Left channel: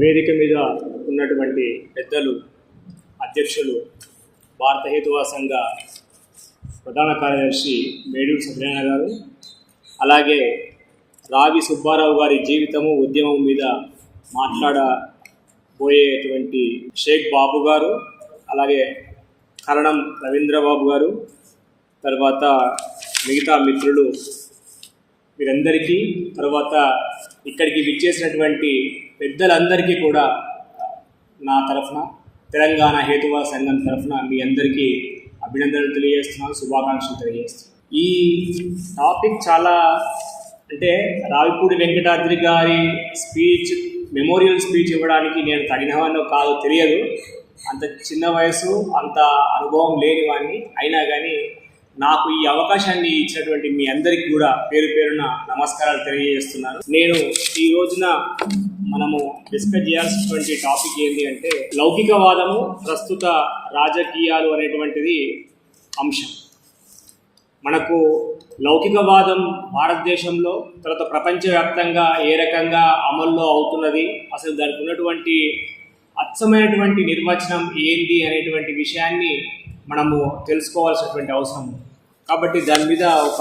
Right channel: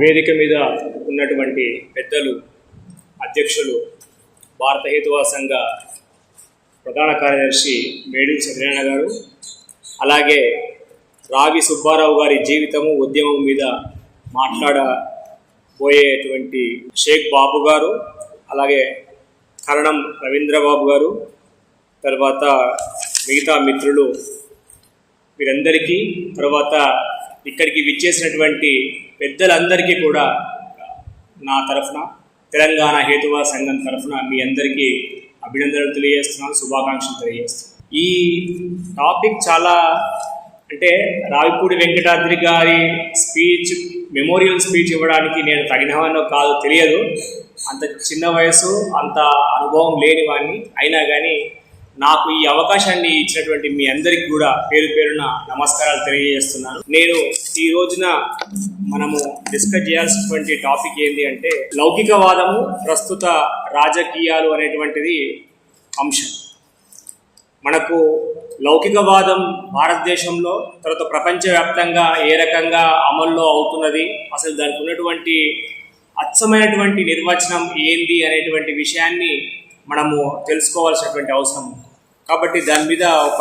వేదిక మీద ఉన్నటువంటి పెద్దలు, అధ్యక్షులు, భారత హేతువాద సంఘ ప్రధాన కార్యదర్శి మేడూరు సత్యనారాయణ గారు, అలాగే రావి సుబ్బారావు గారి జీవితము ఉద్యమం మీద మాట్లాడబోయేటువంటి షేక్ బాబు గారు, అలాగే కరణం రవీంద్రబాబు గారు, తర్వాత మిగతా మిత్రులు, వీరందరికీ, తర్వాత ఇక్కడికి విచ్చేసినటువంటి పెద్దలందరికీ కూడా నా తరఫున, తెలంగాణ హేతువాద సంఘం తరఫున మీ అందరికీ అభినందనలు తెలియజేస్తున్నాను, శుభాకాంక్షలు తెలియజేస్తున్నాను. ఈ టాపిక్ చాలా అంటే రావిపూడి వెంకటాద్రి గారి స్పీచ్, మెమోరియల్ స్పీచ్ ఇవ్వడానికి నేను తగినవానో కాదు తెలియదు. అంత చిన్న వయసు, అంత అనుభవం లేని వాడిని. అయినా కానీ నాకు ఈ అవకాశాన్ని ఇచ్చినటువంటి మీ అందరికీ కూడా పేరు పేరున నమస్కారాలు తెలియజేస్తున్నాను. నేను ఈ రోజున మనము డిస్కస్ చేయాల్సినటువంటి టాపిక్ ఏంటి అంటే లౌకికవాదము, ప్రస్తుత రాజకీయాలు అనేటువంటిది అంశం. మనకు లౌకికవాదం భారతదేశంలో, తర్వాత ప్రపంచవ్యాప్తంగా ఏ రకంగా అమల్లో అవుతున్నది, అసలు దానికి ఉన్నటువంటి అచ్చమైనటువంటి నిర్వచనం ఏంది అనేటువంటి విషయాన్ని మనము తెలుసుకోవాల్సినటువంటి అవసరం. కాబట్టి దాని మీద ఒక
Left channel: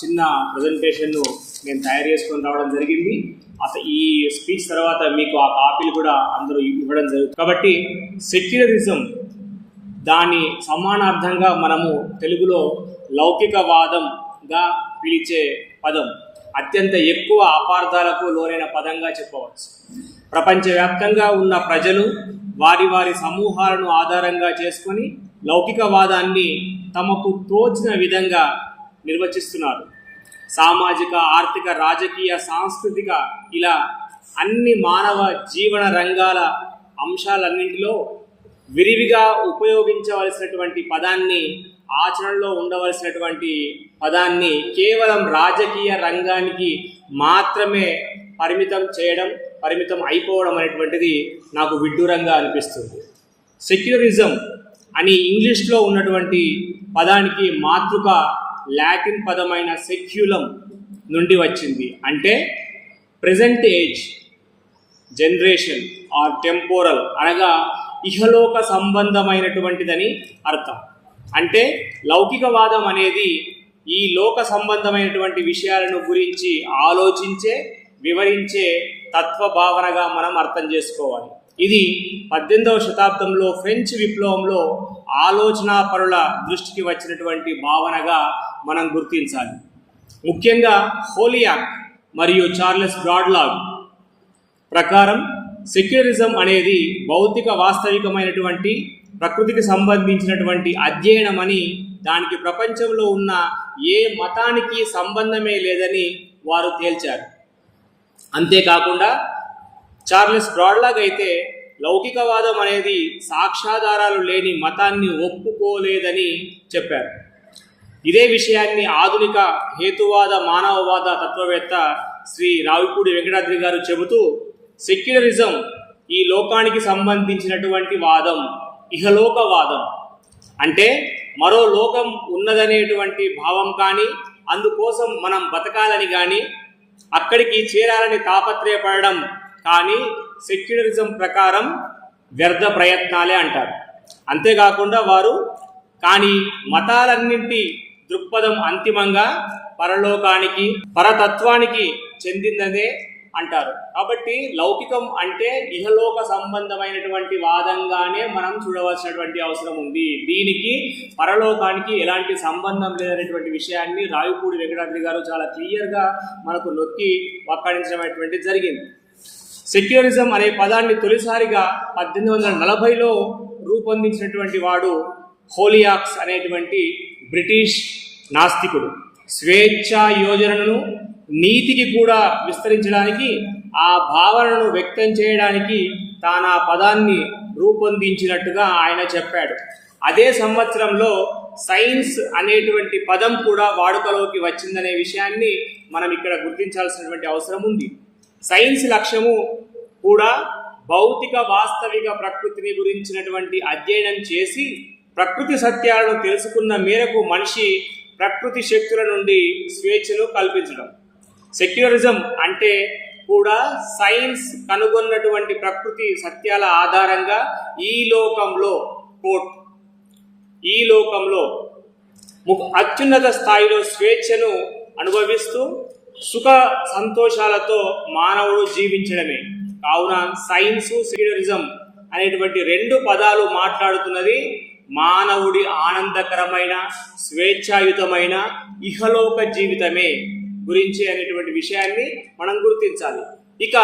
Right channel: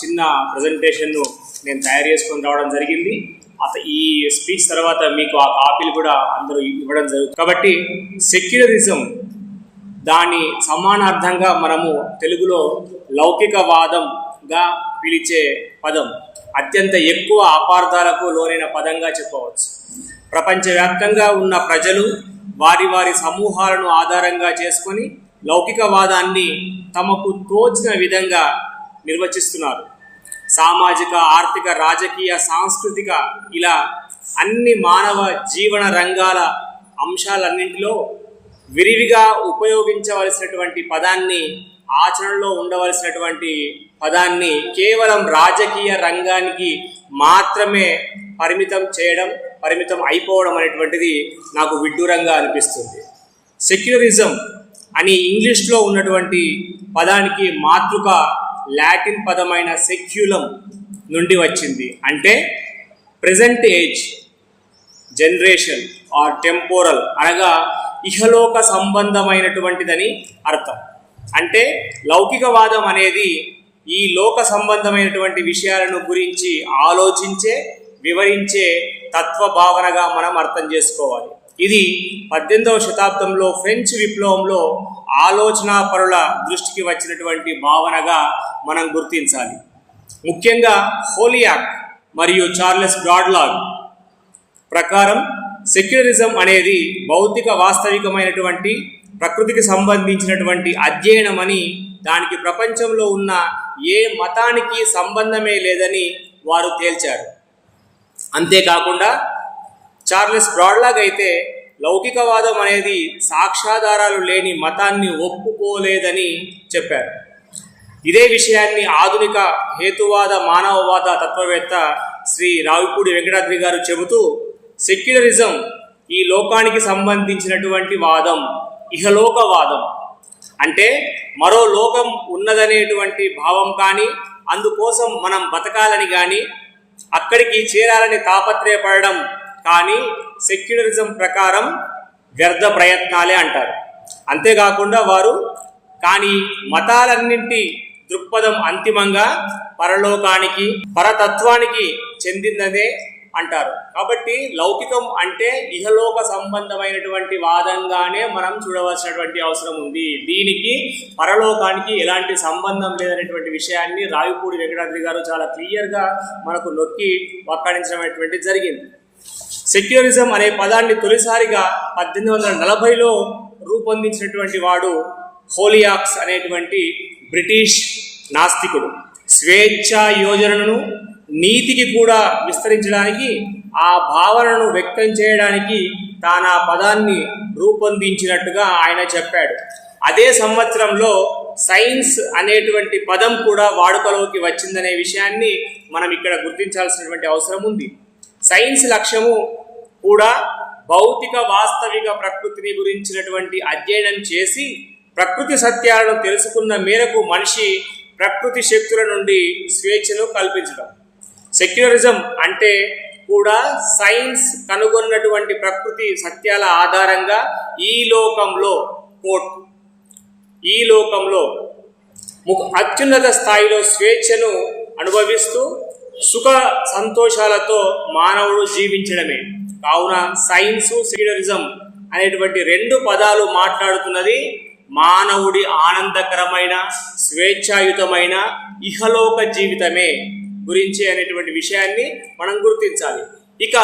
చిన్న ప్రజెంటేషన్ను నేను తయారు చేసుకొని రావడం జరిగింది. ఈ స్పీచ్ తర్వాత మీకు ఆ కాపీలు కూడా అందరూ ఇవ్వడం జరుగుతుంది. కాబట్టి సెక్యులరిజం, దాని సమానార్థంగా మనము తెలుగులో లౌకికవాదంగా పిలిచే పదం అత్యంత ఎక్కువ అపార్థాలకు లోనైన పదంగా చెప్పవచ్చు. ప్రపంచవ్యాప్తంగా ఉన్న ప్రజలు వారి వారి సమూహాలను ఆధారంగా చేసుకొని లౌకికవాదాన్ని తమకు తోచిన విధంగా నిర్వచిస్తున్నారు. సామాజిక, ఆర్థిక, రాజకీయ, సాంస్కృతిక, ఇలా అన్ని మానవ జీవన రంగాల అంశాలన్నింటిలో విరివిగా ఉపయోగించవలసినటువంటి పదాన్ని, ఆచరణలో ఉండవలసినటువంటి పదాన్ని కేవలం రాజకీయ రంగానికి మాత్రమే పరిమితం అయిపోవడం అనేటువంటిది నాకు విడ్డూరంగా అనిపిస్తుంది. సెక్యులరిజం అని ఇంగ్లీష్లో ఉన్నటువంటి పదానికి మాతృక లాటిన్ పదమైన సెక్యులం నుండి వచ్చింది. అంటే present age, generation are temporal, అనగా ఇహలోక సంబంధమైనటువంటిదని అర్థం. అంటే లౌకికవాదం అనేది ఈ లోక సంబంధమైనటువంటి విషయాలను గురించి ఆలోచించే, వివరించే తత్వభావనగా మనం అర్థం చేసుకోవాలి. ఇది 18వ శతాబ్దంలో ఫ్రెంచ్ విప్లవంలో ఆలోచనాపరుల దృష్టికి వచ్చినటువంటి భావనగా మనం గుర్తించాలి. ముఖ్యంగా హోలియాక్ మరియు చార్లెస్ బ్రాడ్లాగ్ ప్రకారం సెక్యులరిజం అనేది భౌతిక వాస్తవికమైనటువంటి ప్రకృతికి సంబంధించినటువంటి అధ్యయనం అని, దానికి ప్రపంచంలో ఉన్న ఏ మతానికి సంబంధమే లేదని వారు తేల్చారు. అంతేకాకుండా చార్లెస్ బ్రాడ్లాగ్ అయితే లౌకికవాదం అనేది సాక్ష్యాధారాలు లేని మతాన్ని ఒప్పుకోలేదని చెప్పారు. ఇదే విషయాన్ని ఆధునిక హేతువాద, మానవవాద తత్వవేత్త శ్రీ రావిపూడి వెంకటాద్రి గారు చెబుతూ, సెక్యులరిజం ఈ లోకానికి సంబంధించినటువంటి వాదం, ఇహలోకవాదం. అంటే మరో లోకం ఉన్నదనేటువంటి భావం కానీ, అందుకోసం మనం బతకాలని కానీ, అక్కడికి చేరాలని తాపత్రయపడడం కానీ సెక్యులరిజం ప్రకారం వ్యర్థ ప్రయత్నాలే అంటారు. అంతేకాకుండా వారు కానీ మతాలన్నింటి దృక్పథం అంతిమంగా పరలోకానికి, పరతత్వానికి చెందిందనే అంటారు. కాబట్టి లౌకికం అంటే ఇహలోక సంబంధమైనటువంటి వాదంగానే మనం చూడవలసినటువంటి అవసరం ఉంది. దీనికి పరలోకానికి ఎలాంటి సంబంధం లేదనేటువంటి విషయాన్ని రావిపూడి వెంకటాద్రి గారు చాలా క్లియర్గా మనకు నొక్కి వక్కాణించడం జరిగింది. సెక్యులరిజం అనే పదాన్ని తొలిసారిగా 1840లో రూపొందించినటువంటి వాడు హోలియాక్స్ అనేటువంటి బ్రిటిష్ నాస్తికుడు. స్వేచ్ఛా యోజనను నీతికి కూడా విస్తరించడానికి, ఆ భావనను వ్యక్తం చేయడానికి తాను ఆ పదాన్ని రూపొందించినట్టుగా ఆయన చెప్పాడు. అదే సంవత్సరంలో సైన్స్ అనేటువంటి పదం కూడా వాడుకలోకి వచ్చిందనే విషయాన్ని మనం ఇక్కడ గుర్తించాల్సినటువంటి అవసరం ఉంది. సైన్స్ లక్ష్యము కూడా భౌతిక వాస్తవిక ప్రకృతిని గురించినటువంటి అధ్యయనం చేసి ప్రకృతి సత్యాలను తెలుసుకున్న మేరకు మనిషి ప్రకృతి శక్తుల నుండి స్వేచ్ఛను కల్పించడం. సెక్యులరిజం అంటే కూడా సైన్స్ కనుగొన్నటువంటి ప్రకృతి సత్యాల ఆధారంగా ఈ లోకంలో కోట్ ఈ లోకంలో అత్యున్నత స్థాయిలో స్వేచ్ఛను అనుభవిస్తూ సుఖ సంతోషాలతో మానవుడు జీవించడమే. కావున సైన్సు సెక్యులరిజం అనేటువంటి రెండు పదాలు మాట్లాడుతున్నది మానవుడి ఆనందకరమైన స్వేచ్ఛాయుతమైన ఇహలోక జీవితమే గురించి అనేటువంటి విషయాన్ని మనం గుర్తించాలి. ఇక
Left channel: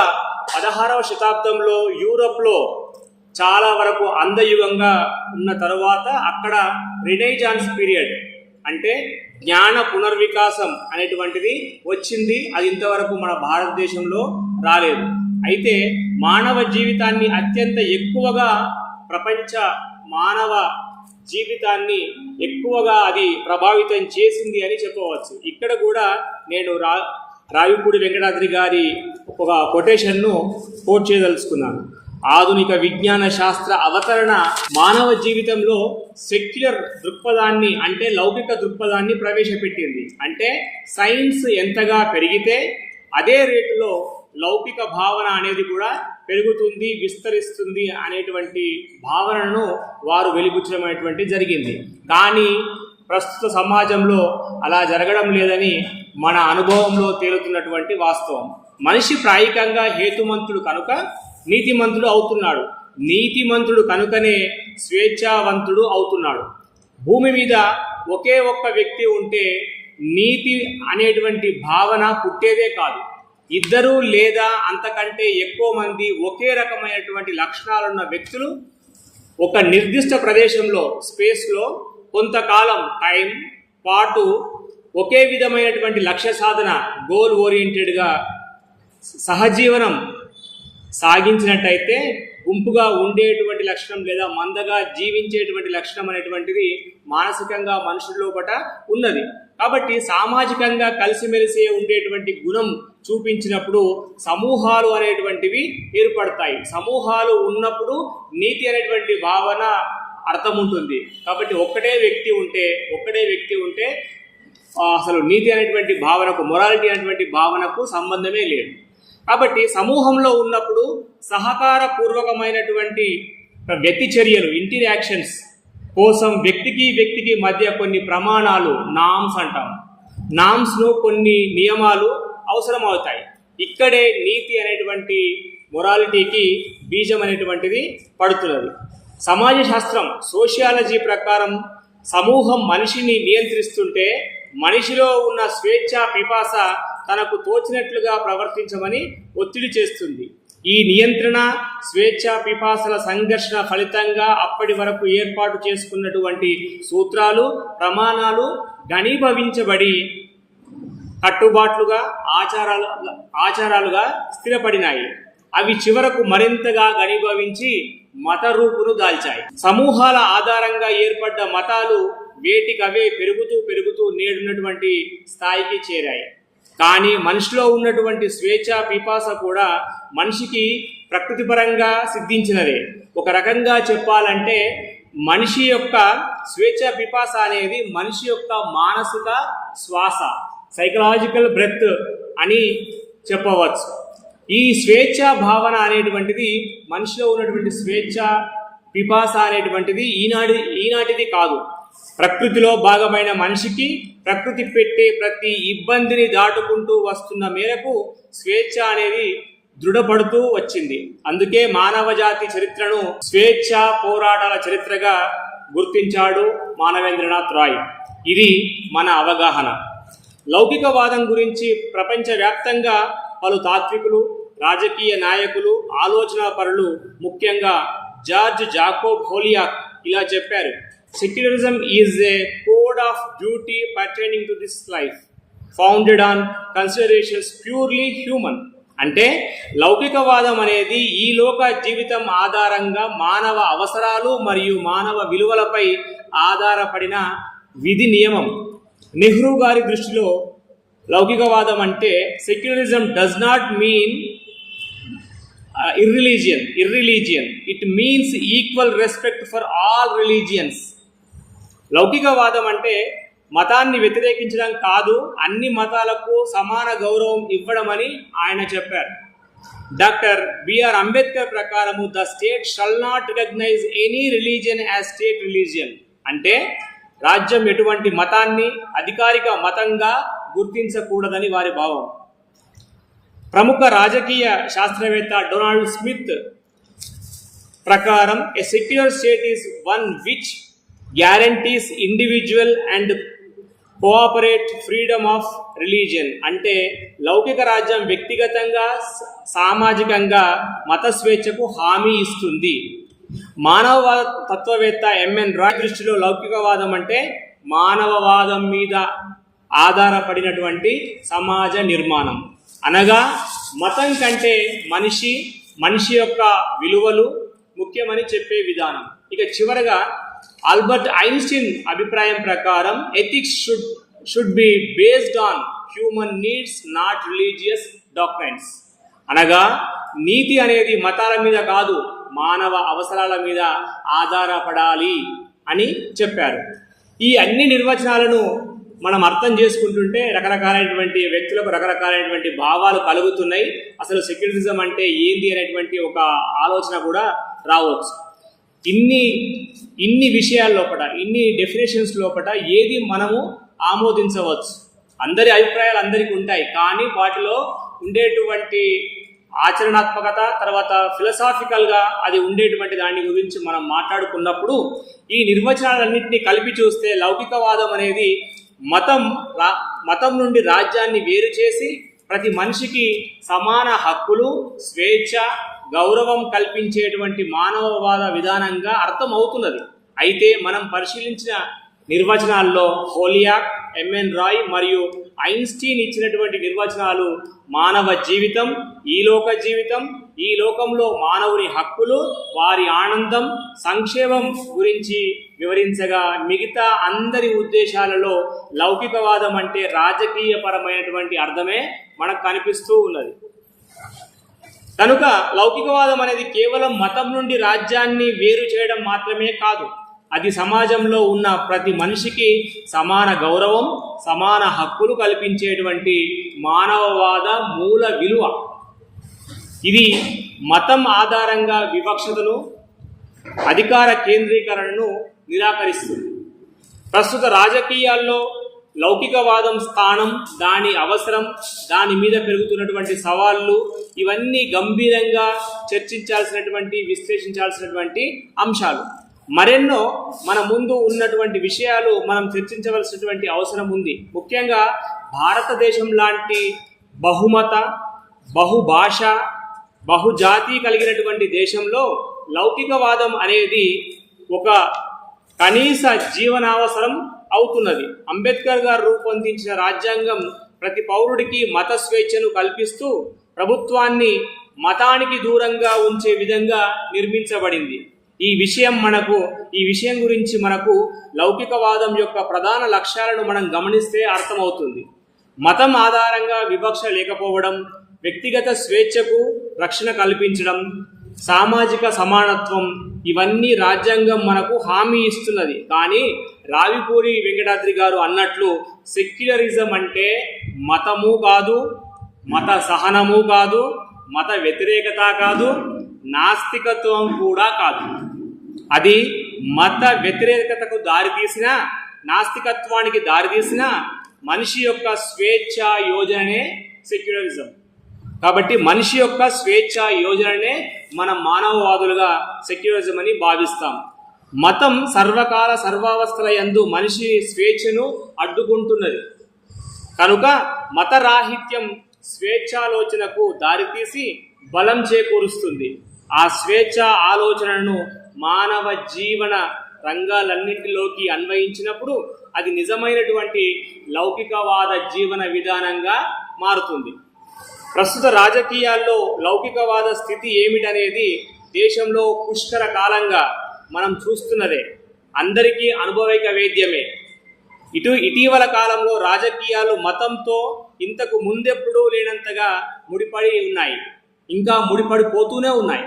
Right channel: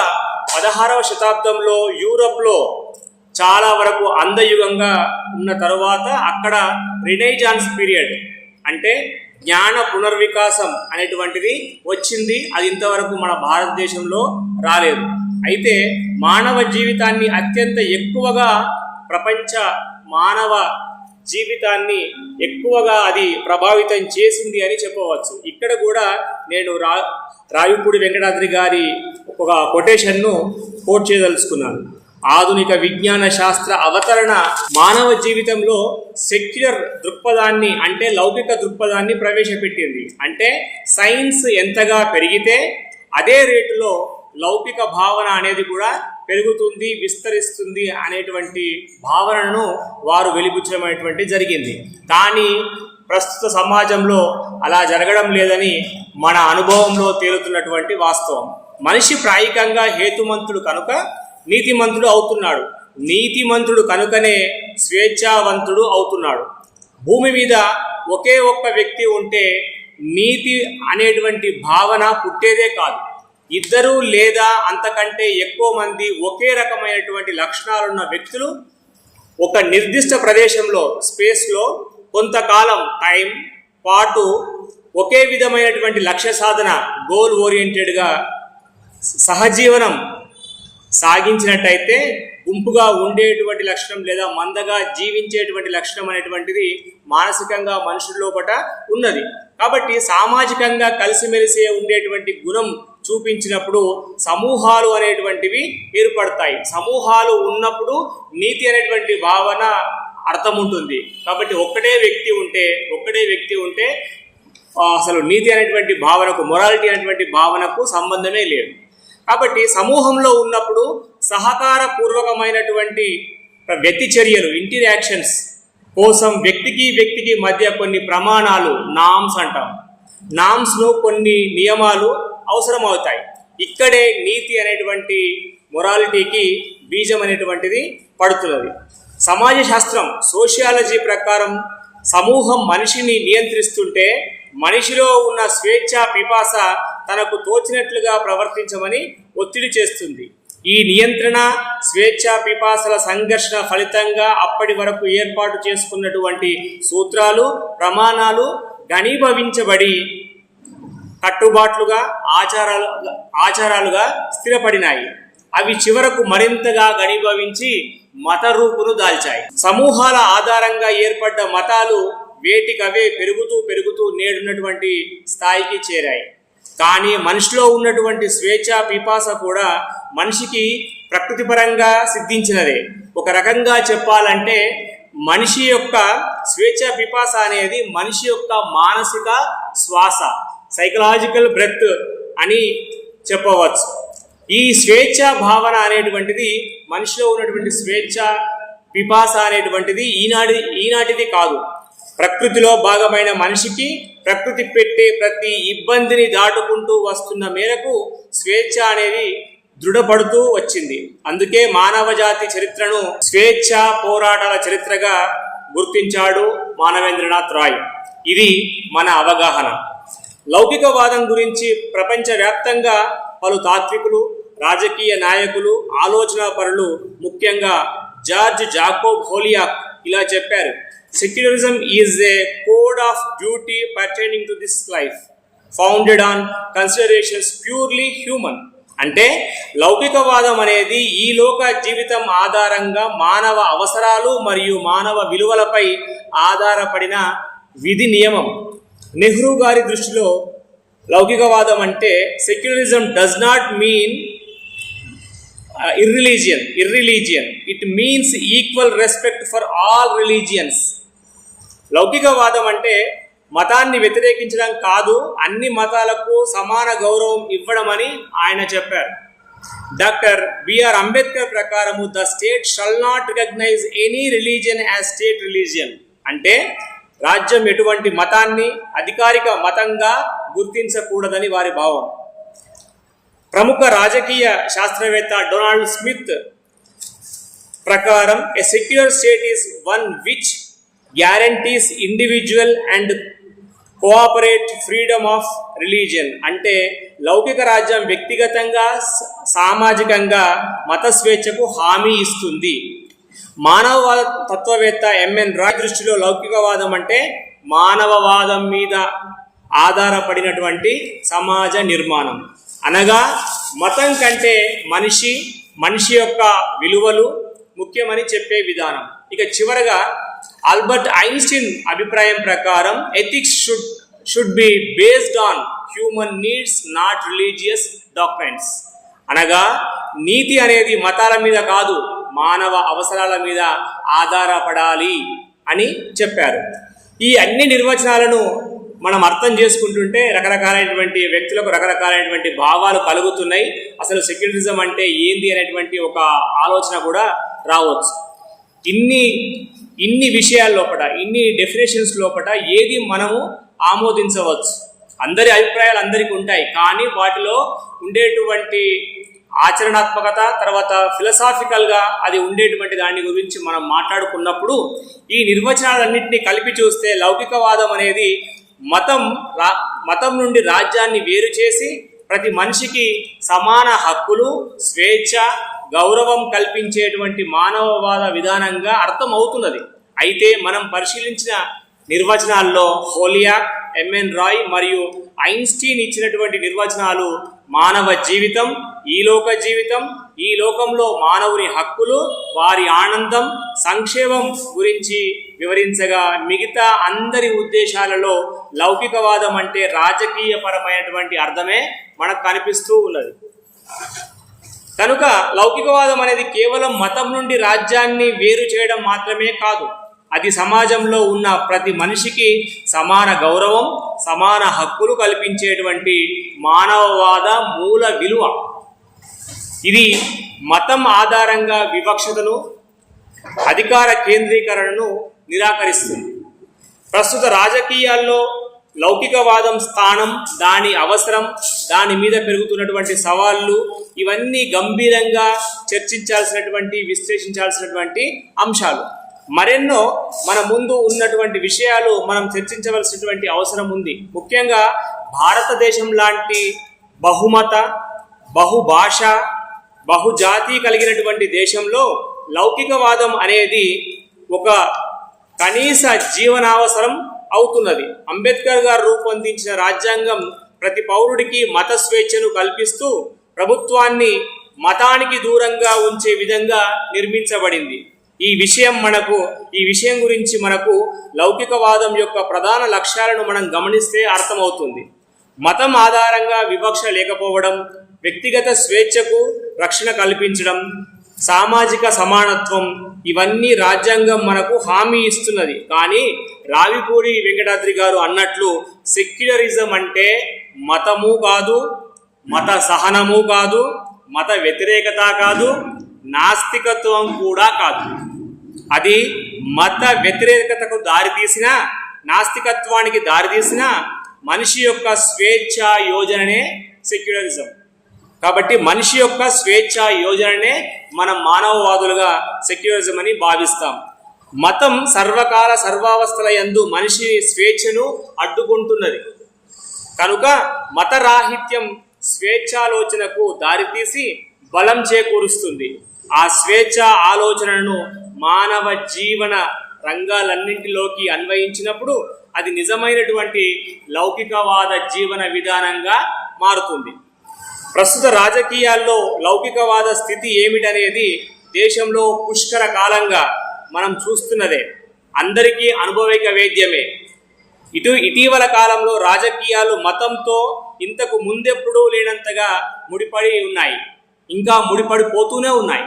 16వ శతాబ్దంలో యూరప్లో చాలా వరకు అందయుగంగా ఉన్న తరువాత అక్కడ రినైజాన్స్ పీరియడ్ అంటే జ్ఞాన పునర్వికాసం అనేటువంటిది వచ్చింది. అది ఇంతవరకు మన భారతదేశంలో రాలేదు. అయితే మానవ జీవితాన్ని అత్యంత ఎక్కువగా ప్రపంచ మానవ జీవితాన్ని ఎక్కువగా అది ప్రభావితం చేసింది అని చెప్పవచ్చు. ఇక్కడ కూడా నేను రావిపూడి వెంకటాద్రి గారి ఒక కొటేషన్ను కోట్ చేయదలుచుకున్నాను. ఆధునిక విజ్ఞాన శాస్త్ర అవతరణ మానవ జీవితంలో సెక్యులర్ దృక్పథాన్ని అంటే లౌకిక దృక్పథాన్ని ప్రవేశపెట్టింది. అంటే సైన్స్ ఎంతగా పెరిగితే అదే రేటులో లౌకిక భావన అనేది కూడా పెరుగుతుంది, విస్తరిస్తుంది అనేటువంటి భావనను వారు వెలిబుచ్చడం అనేటువంటి జరిగింది. కానీ ప్రస్తుత సమాజంలో అలా జరగడం లేదని మన అనుభవంలో తేలుతున్నటువంటి వాస్తవం. మనిషి ప్రాయికంగా హేతుమంతుడు కనుక నీతిమంతుడు అవుతున్నాడు. నీతిమంతుడు కనుకనే స్వేచ్ఛావంతుడు అవుతున్నాడు. భూమి మీద ఒకే ఒక్క వ్యక్తి ఉంటే నీతి అనేటువంటి భావన పుట్టేదే కాదు. ఇద్దరు లేదా అంతకంటే ఎక్కువ మంది ఒకే రకమైనటువంటి లక్షణాలున్న వ్యక్తులు ఒక నిర్దిష్ట ప్రదేశంలో స్పేస్లో కొంతకాలం టైం పాటు ఒకే విధమైనటువంటి లక్ష్య సాధన గోల్ ఓరియంటెడ్గా సహజీవనం సాగించినట్టయితే గుంపుగా ఉండేటువంటి లక్షణం లేదా మందగా జీవించేటువంటి లక్షణం అనేటువంటిది మానసికంగా మనుషుల లోపట ఉన్నది. కాబట్టి సామాజికంగా కలిసిమెలిసే ఉండేటువంటి గుణం చూపించినప్పుడు సమూహాలు అనేటువంటివి ఏర్పడతాయి. సమూహాలు ఉన్నప్పుడు నీతి అనేటువంటి భావన అర్థం ఉంటుంది. కాబట్టి ఒక్కటే వ్యక్తి ఉంటే అసలు నీతి అనేటువంటి భావనకు, మొరాలిటీ అనేటువంటి భావనకు సంబంధమే లేదు. కాబట్టి సమూహంలో ఉన్నప్పుడు సహకార పూర్వకమైనటువంటి వ్యక్తి చర్యలు, ఇంటరాక్షన్స్ కోసం వ్యక్తికి మధ్య కొన్ని ప్రమాణాలు, నామ్స్ అంటాం. నామ్స్ను కొన్ని నియమాలు అవసరం అవుతాయి. ఇక్కడే నీతి అనేటువంటి మొరాలిటీకి బీజం అనేటువంటిది పడుతున్నది. సమాజ శాస్త్రం సోషియాలజీ ప్రకారం సమూహం మనిషిని నియంత్రిస్తుంటే మనిషిలో ఉన్న స్వేచ్ఛ పిపాస తనకు తోచినట్లుగా ప్రవర్తించమని ఒత్తిడి చేస్తుంది. ఈ నియంత్రణ స్వేచ్ఛ పిపాసల సంఘర్షణ ఫలితంగా అప్పటి వరకు ఏర్పాటు చేసుకున్నటువంటి సూత్రాలు, ప్రమాణాలు ఘనీభవించబడి కట్టుబాట్లుగా ఆచారాలుగా స్థిరపడినాయి. అవి చివరకు మరింతగా ఘనీభవించి మత రూపును దాల్చాయి. సమూహాల ఆధారంగా ఏర్పడ్డ మతాలు వేటికవే పెరుగుతూ నేడున్నటువంటి స్థాయికి చేరాయి. కానీ మనిషిలో ఉన్నటువంటి స్వేచ్ఛ పిపాస కూడా మనిషికి ప్రకృతిపరంగా సిద్ధించినదే. ఒక రకంగా చెప్పాలంటే మనిషి యొక్క స్వేచ్ఛ పిపాస అనేది మనిషి యొక్క మానసిక శ్వాస, సైకలాజికల్ బ్రెత్ అని చెప్పవచ్చు. ఈ స్వేచ్ఛ భావన అనేటువంటిది మనిషిలో ఉన్నటువంటి స్వేచ్ఛ పిపాస అనేటువంటిది ఈనాటిది కాదు. ప్రకృతిలో భాగమైన మనిషికి ప్రకృతి పెట్టే ప్రతి ఇబ్బందిని దాటుకుంటూ వస్తున్న మేరకు స్వేచ్ఛ అనేది దృఢపడుతూ వచ్చింది. అందుకే మానవ జాతి చరిత్రను స్వేచ్ఛ పోరాటాల చరిత్రగా గుర్తించాడు మానవేంద్రనాథ్ రాయ్. ఇది మన అవగాహన. లౌకికవాదం గురించి ప్రపంచవ్యాప్తంగా పలు తాత్వికులు, రాజకీయ నాయకులు, ఆలోచనా పరులు, ముఖ్యంగా జార్జ్ జాకోబ్ హోలియాక్ ఇలా చెప్పారు: secularism is a code of duty pertaining to this life founded on considerations purely human. అంటే లౌకికవాదం అనేది ఈ లోక జీవితం ఆధారంగా మానవ అవసరాలు మరియు మానవ విలువలపై ఆధారపడిన విధి నియమం. నెహ్రూ గారి దృష్టిలో లౌకికవాదం అంటే secularism does not mean irreligion. It means equal respect for all religions. లౌకికవాదం అంటే మతాన్ని వ్యతిరేకించడం కాదు, అన్ని మతాలకు సమాన గౌరవం ఇవ్వడం అని ఆయన చెప్పారు. డాక్టర్ బిఆర్ అంబేద్కర్ ప్రకారము the state shall not recognise any religion as state religion అంటే రాజ్యం ఎటువంటి మతాన్ని అధికారిక మతంగా గుర్తించకూడదని వారి భావం. ప్రముఖ రాజకీయ శాస్త్రవేత్త డొనాల్డ్ స్మిత్ ప్రకారం ఎ secular state is one which guarantees individual and cooperate freedom of religion అంటే లౌకిక రాజ్యం వ్యక్తిగతంగా సామాజికంగా మత స్వేచ్ఛకు హామీ ఇస్తుంది. మానవవాద తత్వవేత్త ఎంఎన్ రాయ్ దృష్టిలో లౌకికవాదం అంటే మానవవాదం మీద ఆధారపడినటువంటి సమాజ నిర్మాణం, అనగా మతం కంటే మనిషి యొక్క విలువలు ముఖ్యమని చెప్పే విధానం. ఇక చివరగా ఆల్బర్ట్ ఐన్స్టీన్ అభిప్రాయం ప్రకారం ethics should be based on human needs not religious doctrines అనగా నీతి అనేది మతాల మీద కాదు మానవ అవసరాల మీద ఆధారపడాలి అని చెప్పారు. ఈ అన్ని నిర్వచనాలను మనం అర్థం చేసుకుంటుంటే రకరకాలైనటువంటి వ్యక్తులకు రకరకాలైనటువంటి భావాలు కలుగుతున్నాయి. అసలు సెక్యులరిజం అంటే ఏంది అనేటువంటి ఒక ఆలోచన కూడా రావచ్చు. ఇన్ని విషయాల లోపల ఇన్ని డెఫినేషన్స్ లోపల ఏది మనము ఆమోదించవచ్చు. అందరి అభిప్రాయాలు అందరికీ ఉంటాయి, కానీ వాటిలో ఉండేటువంటి ఆచరణాత్మకత తర్వాత ఫిలసాఫికల్గా అది ఉండేటువంటి దాని గురించి మనం మాట్లాడుకున్నప్పుడు ఈ నిర్వచనాలన్నింటినీ కలిపి చూస్తే లౌకికవాదం అనేది మతం నుండి రాజ్యాన్ని వేరు చేసి ప్రతి మనిషికి సమాన హక్కులు, స్వేచ్ఛ, గౌరవం కల్పించేటువంటి మానవవాద విధానంగా అర్థం అవుతున్నది. అయితే మనం పరిశీలించిన నిర్వచనాల్లో హోలియాక్, ఎంఎన్ రాయ్ మరియు ఐన్స్టీన్ ఇచ్చినటువంటి నిర్వచనాలు మానవ జీవితం, ఈలోక జీవితం, ఈ లోకంలో మానవుని హక్కులు, వారి ఆనందం, సంక్షేమం గురించి వివరించగా మిగతా అందరి ఉద్దేశాలలో లౌకికవాదం అంటే రాజకీయపరమైనటువంటి అర్థమే మనకు కనిపిస్తూ ఉన్నది. కనుక లౌకికవాదం అనేది కేవలం మతం నుండి రాజ్యాన్ని వేరు చేయడం మాత్రమే కాదు, అది సమాజంలో ఉన్న ప్రతి మనిషికి సమాన గౌరవం, సమాన హక్కులు కల్పించేటువంటి మానవవాద మూల విలువ. ఇది మతం ఆధారంగా వివక్షతను, అధికార కేంద్రీకరణను నిరాకరిస్తుంది. ప్రస్తుత రాజకీయాల్లో లౌకికవాదం స్థానం, దాని అవసరం, దాని మీద పెరుగుతున్నటువంటి సవాళ్ళు ఇవన్నీ గంభీరంగా చర్చించాల్సినటువంటి, విశ్లేషించాల్సినటువంటి అంశాలు. మరెన్నో మన ముందు ఉన్నటువంటి విషయాలు మనం చర్చించవలసినటువంటి అవసరం ఉంది. ముఖ్యంగా భారతదేశం లాంటి బహుమత, బహుభాష, బహుజాతి కలిగినటువంటి దేశంలో లౌకికవాదం అనేది ఒక కనీస జీవనావసరం అవుతున్నది. అంబేద్కర్ గారు రూపొందించిన రాజ్యాంగం ప్రతి పౌరుడికి మత స్వేచ్ఛను కల్పిస్తూ ప్రభుత్వాన్ని మతానికి దూరంగా ఉంచే విధంగా నిర్మించబడింది. ఈ విషయం గురించి మనకు లౌకికవాదం యొక్క ప్రధాన లక్ష్యాలను మనం గమనిస్తే అర్థమవుతుంది. మతం ఆధారంగా వివక్ష లేకపోవడం, వ్యక్తిగత స్వేచ్ఛకు రక్షణ కల్పించడం, సామాజిక సమానత్వం ఇవన్నీ రాజ్యాంగం మనకు హామీ ఇస్తున్నది. కానీ రావిపూడి వెంకటాద్రి గారు అన్నట్లు సెక్యులరిజం అంటే మతము కాదు, మత సహనము కాదు, మత వ్యతిరేకత కాదు, నాస్తికత్వం కూడా కాదు. అది మత వ్యతిరేకతకు దారితీసిన, నాస్తికత్వానికి దారితీసిన మనిషి యొక్క స్వేచ్ఛ యోజననే సెక్యులరిజం. కాబట్టి మనిషి యొక్క స్వేచ్ఛ యోజననే మనం మానవవాదులుగా సెక్యులరిజం అని భావిస్తాం. మతం సర్వకాల సర్వావస్థల యందు మనిషి స్వేచ్ఛను అడ్డుకుంటున్నది. కనుక మతరాహిత్యం స్వేచ్ఛాలోచనకు దారితీసి బలం చేకూరుస్తుంది. ఆ స్వేచ్ఛ ఆలోచనను మానవ జీవన రంగాలన్నింటిలోకి అన్వయించినప్పుడు అది నిజమైనటువంటి లౌకికవాద జీవన విధానంగా మారుతుంది. ప్రస్తుత రాజకీయాల్లో లౌకికవాద స్థితి ఏమిటనేది దేశంలో పుష్కర కాలంగా మనం చూస్తున్నదే, అందరికీ అనుభవిక వేద్యమే. ఇటీవల కాలంలో రాజకీయాలు మతంతో ఇంతకు ముందెప్పుడూ లేనంతగా ముడిపడి ఉన్నాయి, ఇంకా ముడిపడిపోతూనే ఉన్నాయి.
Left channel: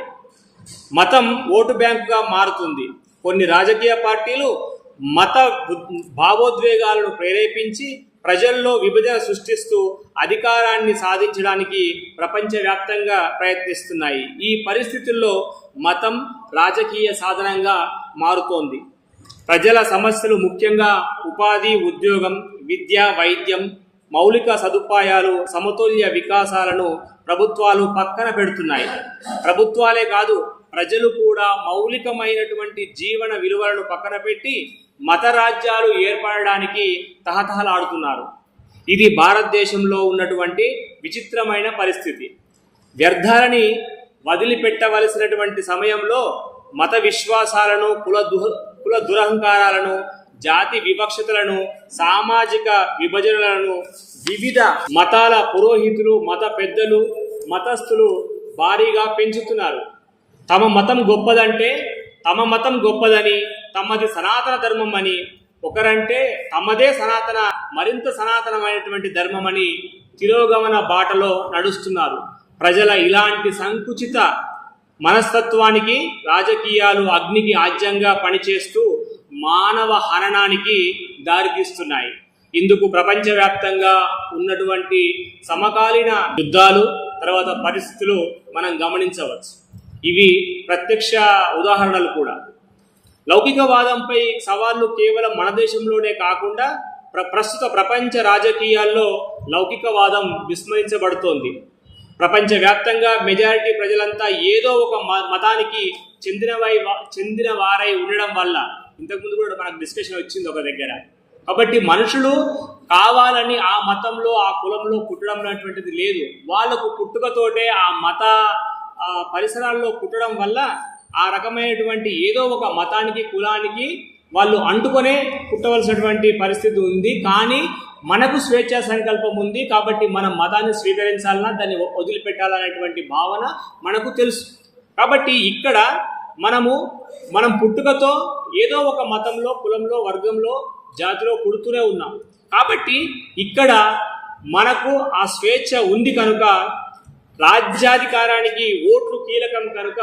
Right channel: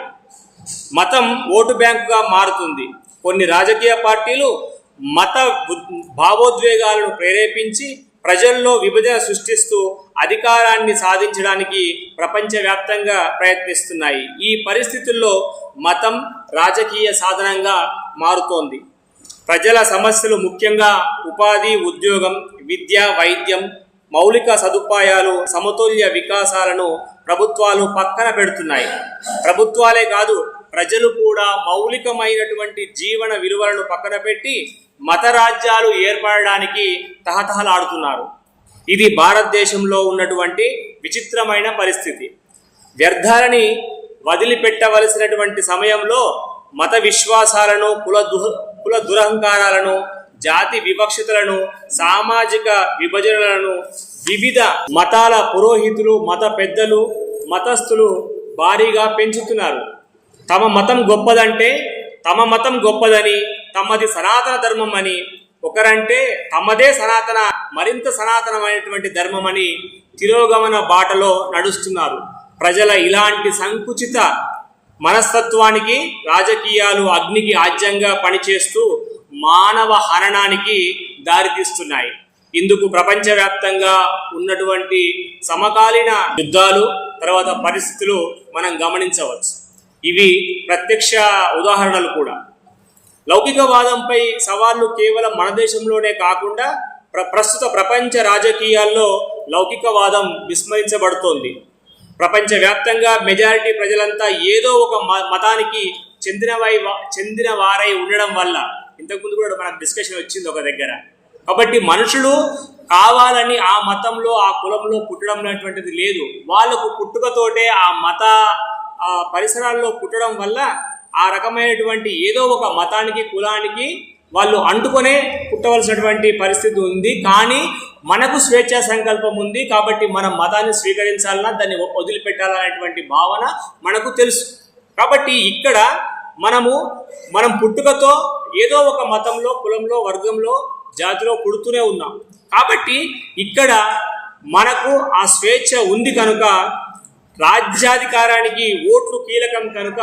మతం ఓటు బ్యాంకుగా మారుతుంది. కొన్ని రాజకీయ పార్టీలు మత భావోద్వేగాలను ప్రేరేపించి ప్రజల్లో విభజన సృష్టిస్తూ అధికారాన్ని సాధించడానికి ప్రపంచవ్యాప్తంగా ప్రయత్నిస్తున్నాయి. ఈ పరిస్థితుల్లో మతం రాజకీయ సాధనంగా మారుతోంది. ప్రజల సమస్యలు ముఖ్యంగా ఉపాధి, ఉద్యోగం, విద్య, వైద్యం, మౌలిక సదుపాయాలు, సమతుల్య వికాసాలను ప్రభుత్వాలు పక్కన పెడుతున్నాయి. ప్రభుత్వాలే కాదు, ప్రజలు కూడా మౌలికమైనటువంటి జీవన విలువలను పక్కన పెట్టి మత రాజ్యాలు ఏర్పడడానికి తహతహలాడుతున్నారు. ఇది భారతదేశంలో ఉన్నటువంటి విచిత్రమైన పరిస్థితి. వ్యర్థాలని వదిలిపెట్టవలసినటువంటి సమయంలో మత విశ్వాసాలను, కుల దురహంకారాలను, జాతి వివక్షతలను, సామాజిక విభజనలను వివిధ మతాల పురోహితులు, మత పెద్దలు, మతస్థులు భారీగా పెంచుతున్నారు. తమ మతం గొప్పదంటే తమ మతం గొప్పదని, తమది సనాతన ధర్మం అని, ఒకరంటే తమదే సనాతన, మరింత సనాతనమైనటువంటి ధర్మం అని తిరోగమన బాటలో నడుస్తున్నారు. ప్రజల ఇలాంటి సంకుచిత మనస్తత్వానికి రాజకీయాలు అగ్నికి ఆజ్యంగా పనిచేస్తూ మానవ హననానికి దారితీస్తున్నాయి. ఇందుకు ప్రపంచవ్యాప్తంగా ఉన్నటువంటి సమకాలీన యుద్ధాలు, తర్వాత పరిస్థితులు మనం గమనించవచ్చు. ఇవి ప్రత్యక్ష ఉదాహరణలు కూడా. లౌకికవాదంపై సవాళ్లు కేవలం మన దేశంలోనే కాకుండా ప్రస్తుత ప్రపంచ రాజకీయాల్లో లౌకికవాదం విస్మరించబడుతోంది. ప్రపంచవ్యాప్తంగా మెజారిటీ ప్రజలంతా ఏదో ఒక మతానికి చెందిన వారై ఉండడం వల్ల, ఇంతకుముందు కూడా మనకు డిస్కషన్ వచ్చింది ఒక దగ్గర. కాబట్టి మనుషులు కావాలని ఆ మతంలో, ఆ కులంలో పుట్టడం అనేటువంటిది లేదు. వాళ్ళకు పుట్టుకతోటే ఆ మత పరిసరాల్లో పుట్టడం వల్ల ఆ రకమైనటువంటి ఏదో ఒక మతానికి, కులానికి వాళ్ళు అంటుకొనే పుట్టవలసినటువంటి పరిస్థితి ఉంది. కానీ మనకు స్వేచ్ఛా సంకల్పం ఉంది కాబట్టి మనం మతాన్ని స్వీకరించాలన్నా, దాన్ని వదిలిపెట్టాలనేటువంటి భావన మనకు తెలుసు. కాబట్టి ఇక్కడ మనం పుట్టుకతో ఏదో ఒక మతంలో, కులంలో, వర్గంలో, జాతిలో పుడుతూనే ఉన్నాం. కాబట్టి ఇక్కడ మనకు ఆ స్వేచ్ఛ ఉంది కనుక, రాజ్యాధికారానికి ఓట్లు కీలకం కనుక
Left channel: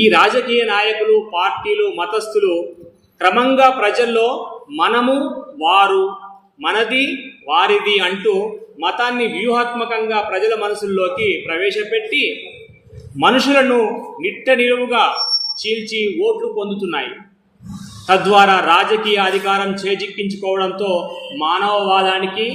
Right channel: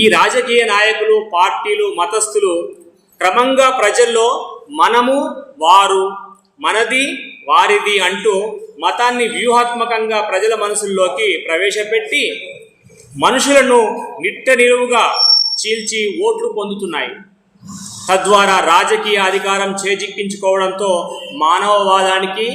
ఈ రాజకీయ నాయకులు, పార్టీలు, మతస్థులు క్రమంగా ప్రజల్లో మనము, వారు, మనది, వారిది అంటూ మతాన్ని వ్యూహాత్మకంగా ప్రజల మనసుల్లోకి ప్రవేశపెట్టి మనుషులను నిట్ట నిలువుగా చీల్చి ఓట్లు పొందుతున్నాయి. తద్వారా రాజకీయ అధికారం చేజిక్కించుకోవడంతో మానవవాదానికి,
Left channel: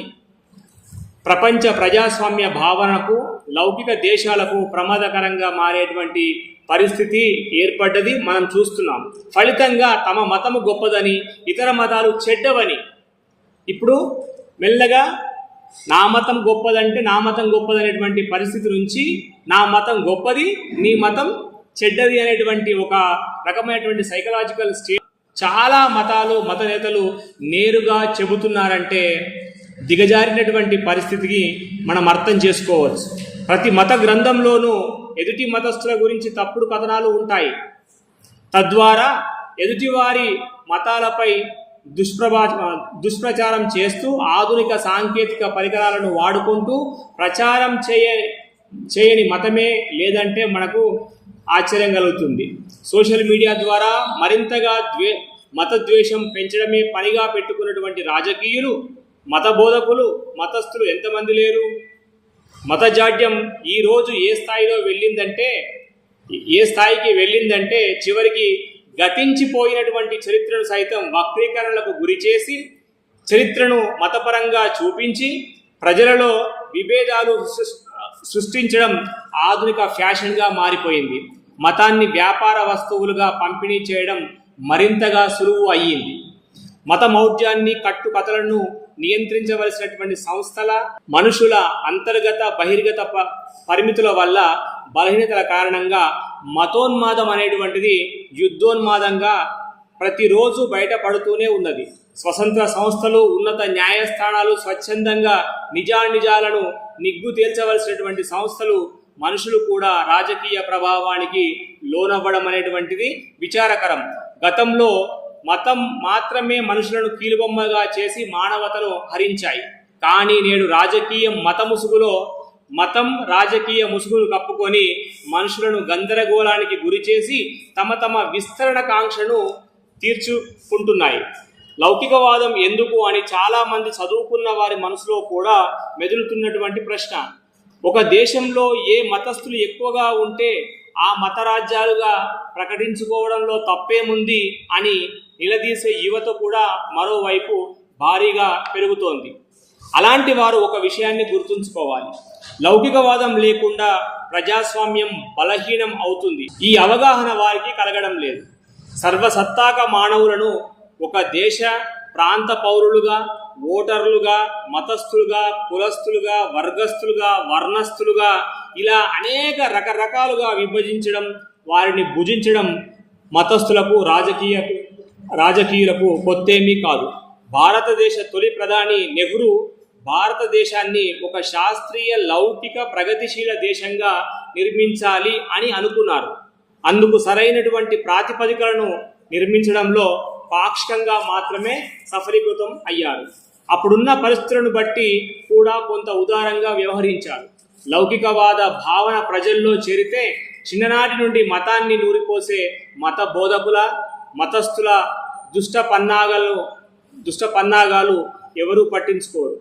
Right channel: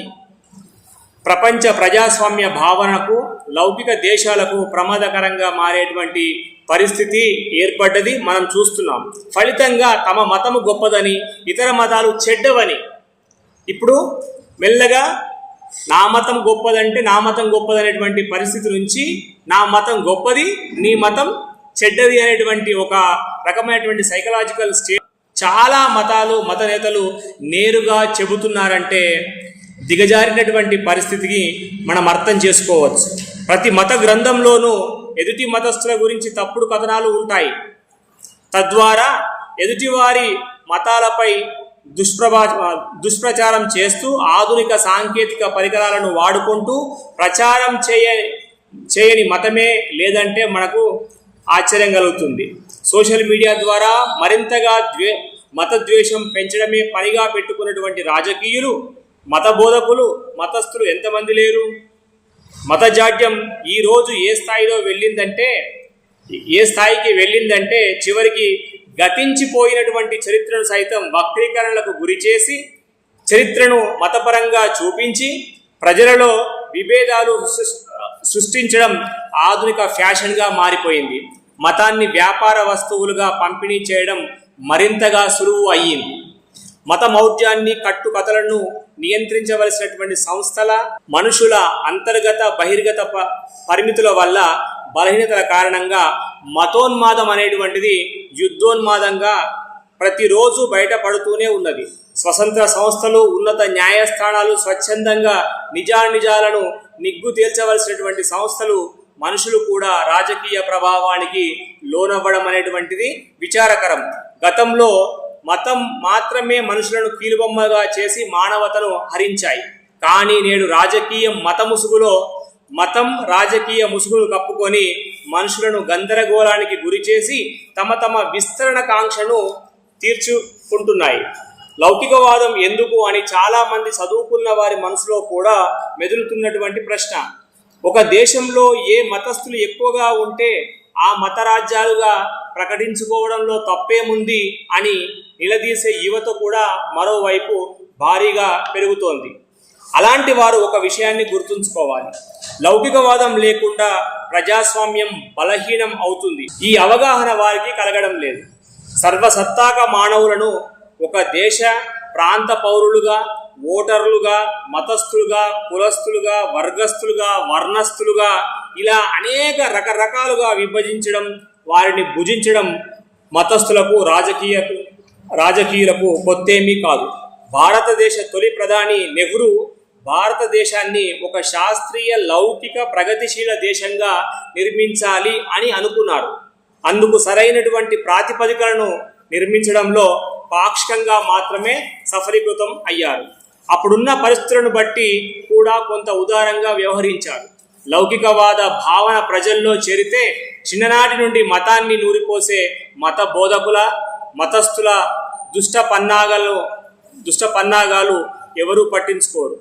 ప్రపంచ ప్రజాస్వామ్య భావనకు, లౌకిక దేశాలకు ప్రమాదకరంగా మారేటువంటి పరిస్థితి ఏర్పడ్డది మనం చూస్తున్నాం. ఫలితంగా తమ మతము గొప్పదని, ఇతర మతాలు చెడ్డవని, ఇప్పుడు మెల్లగా నా మతం గొప్పదంటే నా మతం గొప్పదనేటువంటి పరిస్థితి నుంచి నా మతం గొప్పది, నీ మతం చెడ్డది అనేటువంటి ఒక రకమైనటువంటి సైకలాజికల్ స్టేట్ చాలా మతాలు, మత నేతలు నేరుగా చెబుతున్నారంటే దిగజారినటువంటి పరిస్థితికి మనం అర్థం చేసుకోవచ్చు. ప్రతి మత గ్రంథంలోనూ ఎదుటి మతస్థుల గురించి తప్పుడు కథనాలు ఉంటాయి. తద్వారా ఎదుటివారి మతాలపై దుష్ప్రచారం చేస్తూ ఆధునిక సాంకేతిక పరికరాలను వాడుకుంటూ ప్రచారం చేయని మతమే లేదంటే మనకు ఆశ్చర్యం కలుగుతుంది. సోషల్ మీడియా ద్వారా మరింతగా మతద్వేషం పెంచడమే పనిగా పెట్టుకున్నటువంటి రాజకీయులు, మత బోధకులు, మతస్థులు ఎంతమంది లేరు? మతజాడ్యం ఈరోజు ఏ స్థాయికి వెళ్ళిందంటే చివరికి గతించిపోయినటువంటి చరిత్రను సైతం వక్రీకరణలకు గురి చేసి, చరిత్రను మతపరంగా చూపించి ప్రజలలో విభేదాలు సృష్టించడం ఆధునిక ఫ్యాషన్గా మారిపోయింది. మతాన్ని వ్యాపార వస్తువులుగా పంపిణీ చేయడం మరింతగా సులువు అయ్యింది. మత మౌఢ్యాన్ని, కట్టుకథలను నియంత్రించవలసినటువంటి సంస్థల, మనుషుల అంతర్గత బహిర్గత పరిమితుల వల్ల, బలహీనతల కారణంగా మతోన్మాదం అనేటువంటిది యుద్ధోన్మాదంగా ప్రతిరోజు బయటపడుతూనే ఉన్నది. స్వతంత్ర సంస్థలు, ఉన్నత న్యాయస్థానాలు స్వచ్ఛందంగా నిజాలను నిగ్గు తేల్చవలసినటువంటి సంస్థలు, మనుషులు కూడా రాజకీయ ప్రభావానికి లోనవ్వడం అనేటువంటిది విచారకరం. గతంలో మతం మాత్రమే మనుషులను కీలుబొమ్మగా చేసి మానవతను హరించాయి. కానీ నేడు మతం రాజకీయ ముసుగును కప్పుకొని మనుషులను గందరగోళానికి గురి చేసి తమ విస్తరణ కాంక్షను తీర్చుకుంటున్నాయి. లౌకికవాదం ఎందుకు అని చాలామంది చదువుకున్న వారి మనసులో కూడా మెదులుతున్నటువంటి ప్రశ్న. ఒక దేశంలో ఏ మతస్థులు ఎక్కువగా ఉంటే ఆ మత రాజ్యాలుగా ప్రకటించుకోవడంలో తప్పేముంది అని నిలదీసే యువత కూడా మరోవైపు భారీగా పెరుగుతోంది. అలాంటి వారు ఒక విషయాన్ని గుర్తుంచుకోవాలి. లౌకికవాదం లేకుండా ప్రజాస్వామ్యం బలహీనం అవుతుంది. ఈ అవగాహన వారికి కలగడం లేదు. సర్వసత్తాక మానవులను ఒక దేశ ప్రాంత పౌరులుగా, ఓటర్లుగా, మతస్థులుగా, కులస్థులుగా, వర్గస్థులుగా, వర్ణస్థులుగా ఇలా అనేక రకరకాలుగా విభజించడం, వారిని భుజించడం మతస్థులకు రాజకీయులకు కొత్తేమీ కాదు. భారతదేశ తొలి ప్రధాని నెహ్రూ భారతదేశాన్ని ఒక శాస్త్రీయ లౌకిక ప్రగతిశీల దేశంగా నిర్మించాలి అని అనుకున్నారు. అందుకు సరైనటువంటి ప్రాతిపదికలను నిర్మించడంలో పాక్షికంగా మాత్రమే సఫలీకృతం అయ్యారు. అప్పుడున్న పరిస్థితులను బట్టి కూడా కొంత ఉదారంగా వ్యవహరించారు. లౌకికవాద భావన ప్రజల్లో చేరితే చిన్ననాటి నుండి మతాన్ని నూరిపోసే మత బోధకుల, మతస్థుల దుష్ట పన్నాగాలు ఎవరూ పట్టించుకోరు.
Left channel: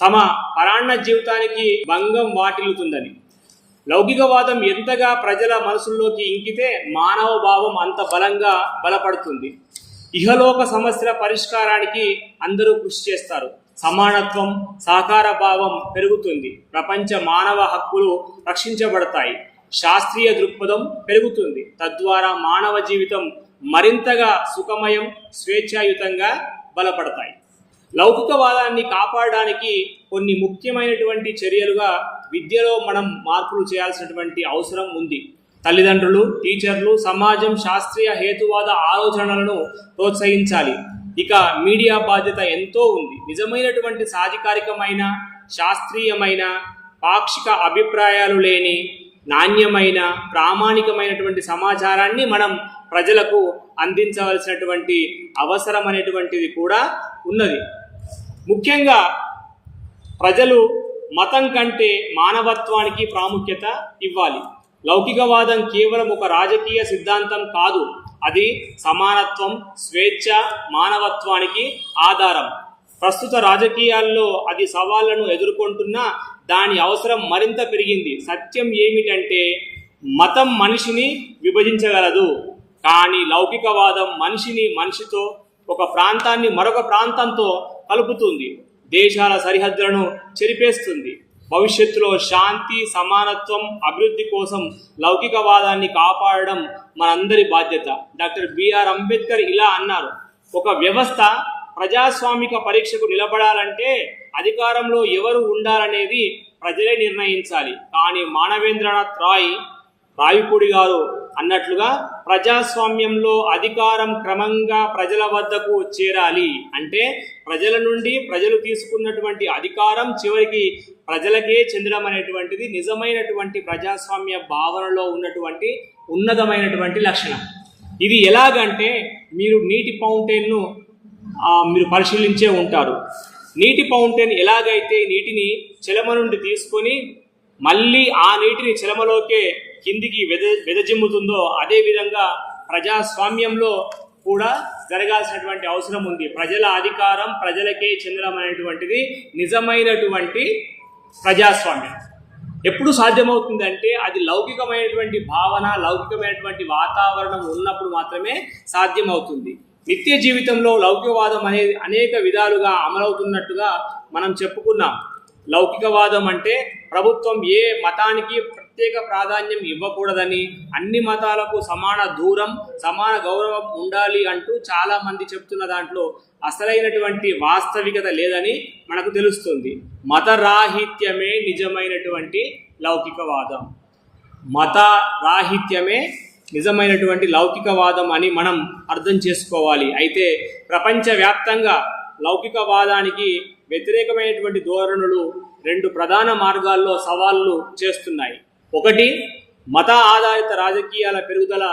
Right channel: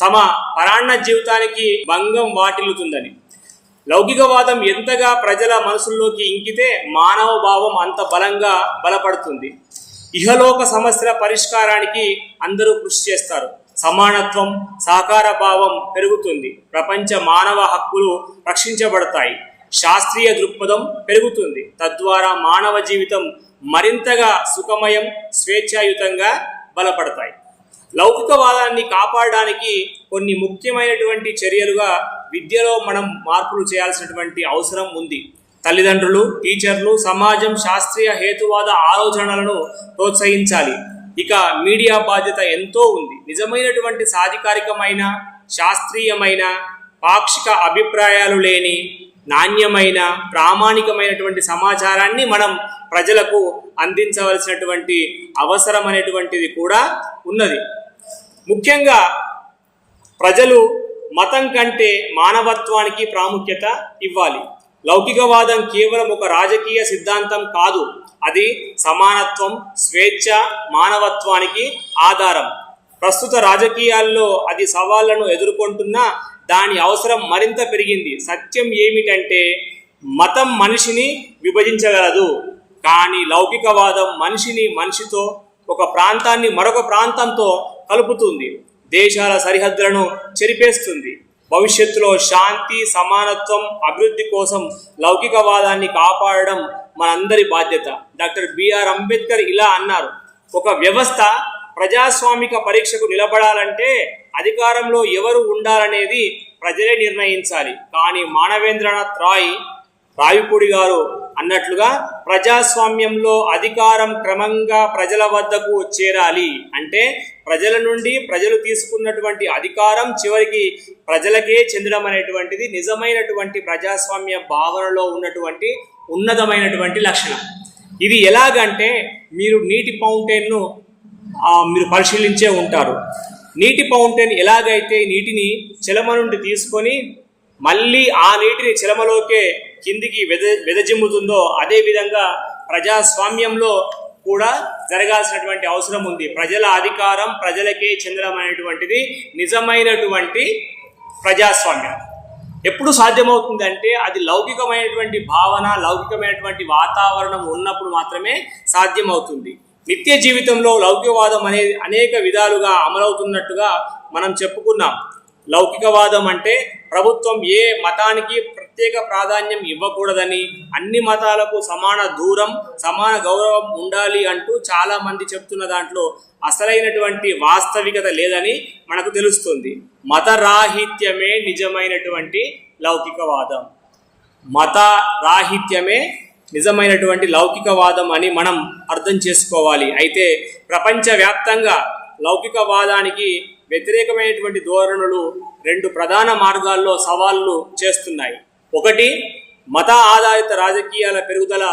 తమ పరాన్న జీవితానికి భంగం వాటిల్లుతుందని. లౌకికవాదం ఎంతగా ప్రజల మనసుల్లోకి ఇంకితే మానవ భావం అంత బలంగా బలపడుతుంది. ఇహలోక సమస్యల పరిష్కారానికి అందరూ కృషి చేస్తారు. సమానత్వం, సహకార భావం పెరుగుతుంది. ప్రపంచ మానవ హక్కులు రక్షించబడతాయి. శాస్త్రీయ దృక్పథం పెరుగుతుంది. తద్వారా మానవ జీవితం మరింతగా సుఖమయం, స్వేచ్ఛాయుతంగా బలపడతాయి. లౌకికవాదాన్ని కాపాడడానికి కొన్ని ముఖ్యమైనటువంటి చర్యలుగా విద్యలో మనం మార్పులు చేయాల్సినటువంటి అవసరం ఉంది. తల్లిదండ్రులు, టీచర్లు, సమాజం శాస్త్రీయ హేతువాద ఆలోచనలను ప్రోత్సహించాలి. ఇక మీడియా బాధ్యత ఎంతో ఉంది. నిజమైనటువంటి సాధికారికమైన, శాస్త్రీయమైన, పాక్షిక అభిప్రాయాలు లేని నాణ్యమైన, ప్రామాణికమైనటువంటి సమాచారాన్ని మనం ప్రజలకు అందించవలసినటువంటి అవసరం అనేటువంటిది కూడా ఉన్నది. ముఖ్యంగా ప్రజలు మతం కంటే మానవత్వానికి ప్రాముఖ్యత ఇవ్వాలి. లౌకికవాదం కేవలం ఒక రాజకీయ సిద్ధాంతం కాదు. అది సమానత్వం, స్వేచ్ఛ, మానవత్వానికి ఆధారం. ప్రస్తుత రాజకీయాల్లో అది సవాళ్లను ఎదుర్కొంటున్నా దాని అవసరం మరింత పెరిగింది. సత్యం ఏమిటంటే మతం మనిషిని విభజించగలదు, కానీ లౌకికవాదం మనిషితో, ఒక ప్రాంతాన్ని మరొక ప్రాంతంతో కలుపుతుంది. దేశాల సరిహద్దులను చెరిపేస్తుంది. భవిష్యత్తులో శాంతి, సమానత్వం, అభివృద్ధి కోసం లౌకికవాదాన్ని కాపాడడం మనందరి బాధ్యత. డాక్టర్ బిఆర్ అంబేద్కర్ ఇలా అన్నారు: ఒక వ్యవస్థ ప్రజాస్వామిక పరీక్షకు నిలబడాలంటే అధికారంలో ఎవరు ఉండాలనేది ప్రజలే నిర్ణయించాలి. కానీ మానవేంద్రనాథ్ రాయపూడి గారు అన్నట్లుగా ప్రజాస్వామ్యంలో అధికారం క్రమంగా ప్రజల వద్దకు చేరాలి. అంటే ప్రజల నుండి ప్రజలు తీసుకున్నటువంటి అధికారం చివరికి ప్రజలకే చెందడం అనేటువంటిది నిజమైనటువంటి ప్రజాస్వామ్య భావనలో ఉన్నటువంటి ఉన్నతమైనటువంటి లక్షణం. ఇది ఎలాగంటే మీరు నీటి ఫౌంటైన్ను మీరు పరిశీలించే ఉంటారు. నీటి ఫౌంటైన్ ఎలాగైతే నీటిని చెలమ నుండి తీసుకొని మళ్ళీ ఆ నీటిని చెలమలోకే కిందికి వెదజిమ్ముతుందో అదేవిధంగా ప్రజాస్వామ్యంలో కూడా జరగాల్సినటువంటి అవసరం ఉంది. ప్రజల అధికారం ప్రజలకే చెందడం అనేటువంటిది నిజమైనటువంటి ప్రజాస్వామ్యం. ఎప్పుడు సాధ్యమవుతుందంటే అది లౌకికమైనటువంటి భావన, లౌకికమైనటువంటి వాతావరణం ఉన్నప్పుడు మాత్రమే సాధ్యమవుతుంది. నిత్య జీవితంలో లౌకికవాదం అనేది అనేక విధాలుగా అమలవుతున్నట్టుగా మనం చెప్పుకున్నాం. లౌకికవాదం అంటే ప్రభుత్వం ఏ మతానికి ప్రత్యేక ప్రాధాన్యం ఇవ్వకూడదని, అన్ని మతాలకు సమాన దూరం, సమాన గౌరవం ఉండాలి అంటూ చాలామంది చెప్తున్న దాంట్లో అసలైనటువంటి వాస్తవికత లేదని మనకు తెలుస్తుంది. మత రాహిత్యమే నిజమైనటువంటి లౌకికవాదం. మత రాహిత్యమే నిజమైనటువంటి లౌకికవాదం అని మనం అర్థం చేసుకోవాలి. అయితే ప్రపంచవ్యాప్తంగా లౌకికవాదానికి వ్యతిరేకమైనటువంటి ధోరణులు రెండు ప్రధాన మార్గాల్లో సవాళ్లు చేస్తున్నాయి. ఒకటి, మత ఆధారిత రాజకీయాల పెరుగుదల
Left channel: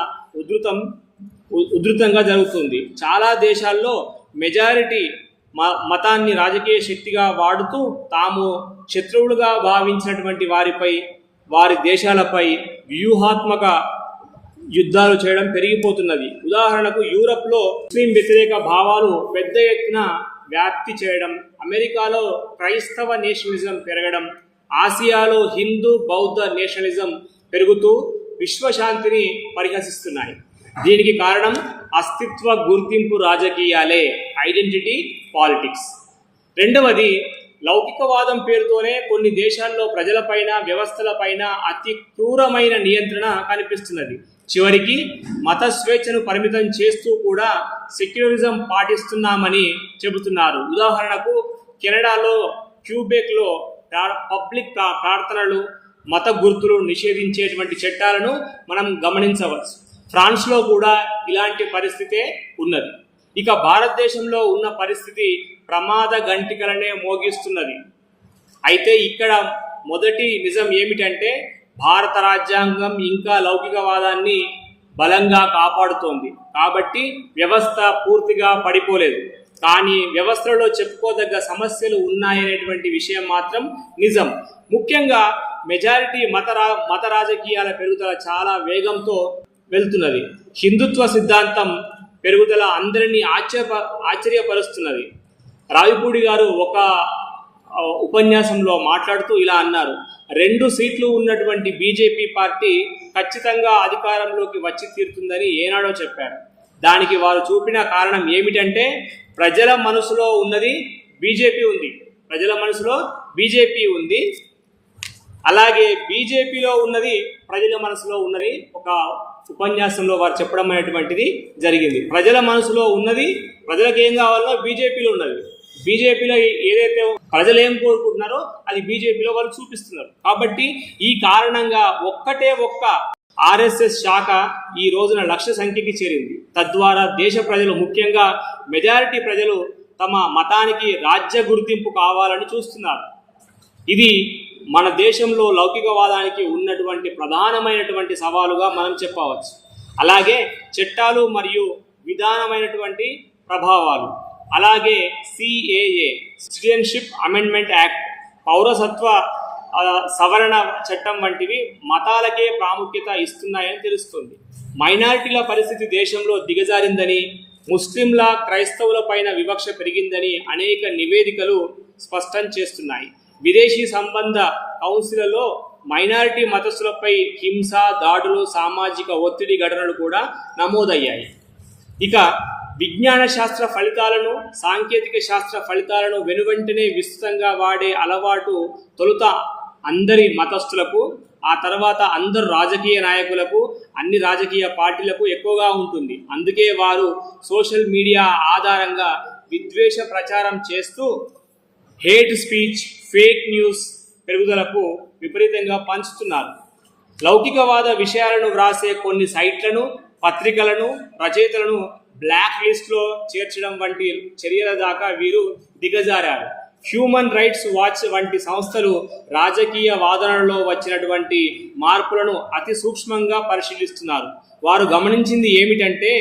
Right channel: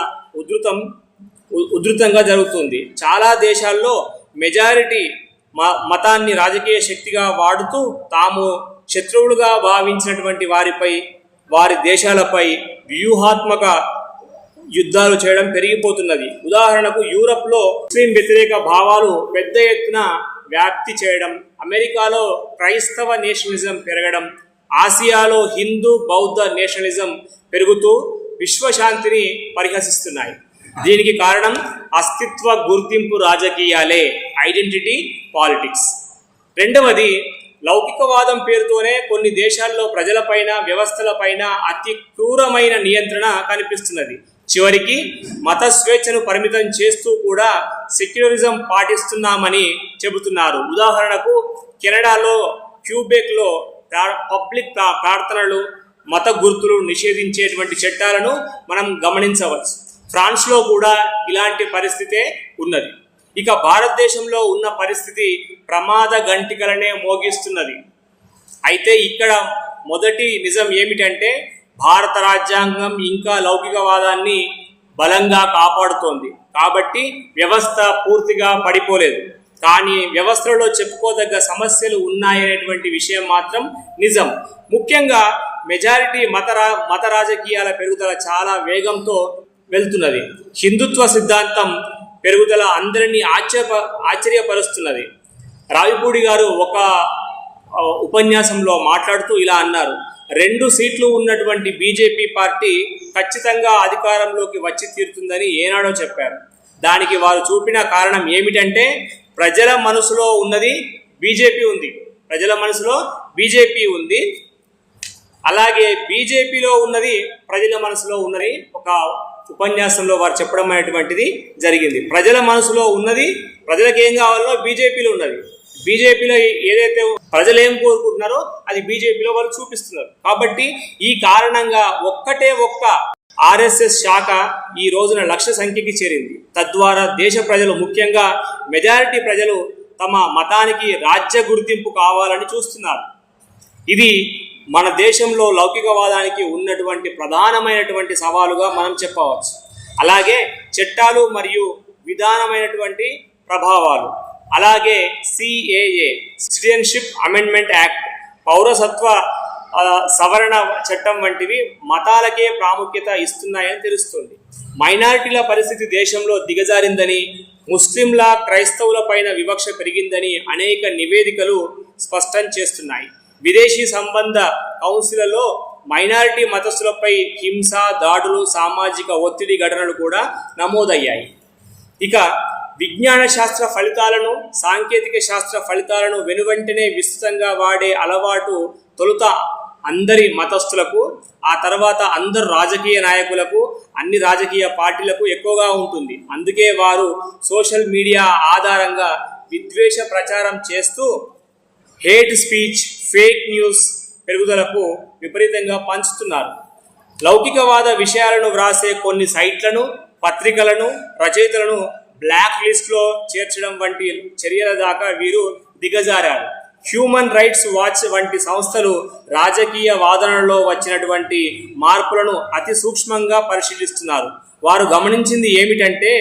ఉధృతంగా జరుగుతుంది. చాలా దేశాల్లో మెజారిటీ మతాన్ని రాజకీయ శక్తిగా వాడుతూ తాము శత్రువులుగా భావించినటువంటి వారి దేశాలపై వ్యూహాత్మక యుద్ధాలు చేయడం పెరిగిపోతున్నది. ఉదాహరణకు యూరప్లో ముస్లిం వ్యతిరేక భావాలు పెద్ద ఎత్తున వ్యాప్తి చేయడం, అమెరికాలో క్రైస్తవ నేషనలిజం పెరగడం, ఆసియాలో హిందూ బౌద్ధ నేషనలిజం పెరుగుతూ విశ్వశాంతిని పరిహసిస్తున్నాయి. దీనికి కారణం అస్తిత్వ గుర్తింపు రాజకీయాలే, ఐడెంటిటీ పాలిటిక్స్. రెండవది, లౌకికవాదం పేరుతోనే కొన్ని దేశాల్లో ప్రజలపైన వ్యవస్థలపైన అతి క్రూరమైన నియంత్రణ కనిపిస్తున్నది. చివరికి మత స్వేచ్ఛను పరిమితం చేస్తూ కూడా సెక్యులరిజం పాటిస్తున్నామని చెబుతున్నారు. ఉదాహరణకు కెనడాలో క్యూబెక్లో పబ్లిక్ ప్రార్థనలు, మత గుర్తులు నిషేధించేటువంటి చట్టాలను మనం గమనించవచ్చు. ఫ్రాన్స్లో కూడా ఇలాంటి పరిస్థితే ఉన్నది. ఇక భారతదేశంలో ఉన్న పరిస్థితి ప్రమాద గంటికలనే మోగిస్తున్నది. అయితే ఇక్కడ మొదటి నిజం ఏమిటంటే భారత రాజ్యాంగం ఇంకా లౌకికవాదాన్ని బలంగా కాపాడుతోంది. కాబట్టి వ్యవస్థ పూర్తిగా పడిపోలేదు. కానీ వ్యవస్థలో చెప్పుకోదగ్గ సమస్యలు ఉన్నాయనేటువంటి విషయం మాత్రం నిజం. ముఖ్యంగా మెజారిటీ మత రాజకీయాల పెరుగుదల చాలా వేగంతో వెళ్తున్నది. హిందుత్వ సిద్ధాంతం పెరుగుదల అందరినీ ఆశ్చర్యపరుస్తున్నది. రావిపూడి గారు ఒక ఉపన్యాసంలో మాట్లాడుతూ ఇలా అన్నారు: 2 సీట్లు ఉన్నటువంటి బీజేపీ పార్టీ ఖచ్చితంగా అధికారంలోకి వచ్చి తీరుతుందని ఏనాడో చెప్పారు. దానికి వారు చూపిన కారణం ఏమిటంటే ప్రజల మనసులో ఉన్నది బీజేపీ ఉంది, ప్రజల మనసులో బీజేపీ ఉంది, అలాగే బీజేపీలో ఉన్నది ప్రజల మనసులో ఉన్నది ఒక ఉపన్యాసంలో వారు చెప్పడం అనేటువంటిది జరిగింది. ప్రజల మనసులో ఉన్నది, ప్రజలకు ఏం కావాలో బీజేపీలో ఉన్నది, బీజేపీలో ఏదైతే ప్రజలు ఏం కోరుకుంటున్నారో అది బీజేపీలో వాళ్ళు చూపిస్తున్నారు. కాబట్టి ఈ కారణంగా ఒక్క ఆర్ఎస్ఎస్ శాఖ ఈ రోజున లక్ష సంఖ్యకి చేరింది. తద్వారా దేశ ప్రజలు, ముఖ్యంగా మెజారిటీ ప్రజలు తమ మతానికి రాజ్య గుర్తింపు కావాలని చూస్తున్నారు. ఇది మన దేశంలో లౌకికవాదానికి ఉన్నటువంటి ప్రధానమైనటువంటి సవాలుగా మనం చెప్పవచ్చు. అలాగే చట్టాలు మరియు విధానమైనటువంటి ప్రభావాలు, అలాగే సిఏఏ, సిటిజన్షిప్ అమెండ్మెంట్ యాక్ట్, పౌరసత్వ సవరణ చట్టం వంటివి మతాలకే ప్రాముఖ్యత ఇస్తున్నాయని తెలుస్తుంది. మైనారిటీల పరిస్థితి దేశంలో దిగజారిందని, ముస్లింల క్రైస్తవుల పైన వివక్ష పెరిగిందని అనేక నివేదికలు స్పష్టం చేస్తున్నాయి. విదేశీ సంబంధ కౌన్సిల్లో మైనారిటీ మతస్థులపై హింస, దాడులు, సామాజిక ఒత్తిడి ఘటనలు కూడా నమోదయ్యాయి. ఇక విజ్ఞాన శాస్త్ర ఫలితాలను, సాంకేతిక శాస్త్ర ఫలితాలను వెనువెంటనే విస్తృతంగా వాడే అలవాటు తొలుత అందరి మతస్థులకు, ఆ తర్వాత అందరు రాజకీయ నాయకులకు, అన్ని రాజకీయ పార్టీలకు ఎక్కువగా ఉంటుంది. అందుకే వారు సోషల్ మీడియా ఆధారంగా విద్వేష ప్రచారం చేస్తూ హేట్ స్పీచ్, ఫేక్ న్యూస్ పెరుగుదలకు విపరీతంగా పంచుతున్నారు. లౌకికవాద విషయాలను వ్రాసే కొన్ని సైట్లను, పత్రికలను, రచయితలను బ్లాక్ లిస్ట్లో చేర్చడం వంటి చర్యల దాకా వీరు దిగజారారు. హ్యూమన్ రైట్స్ వాచ్ వంటి సంస్థలు రాజకీయ వాదనలో వచ్చినటువంటి మార్పులను అతి సూక్ష్మంగా పరిశీలిస్తున్నారు. వారు గమనించింది ఏమిటంటే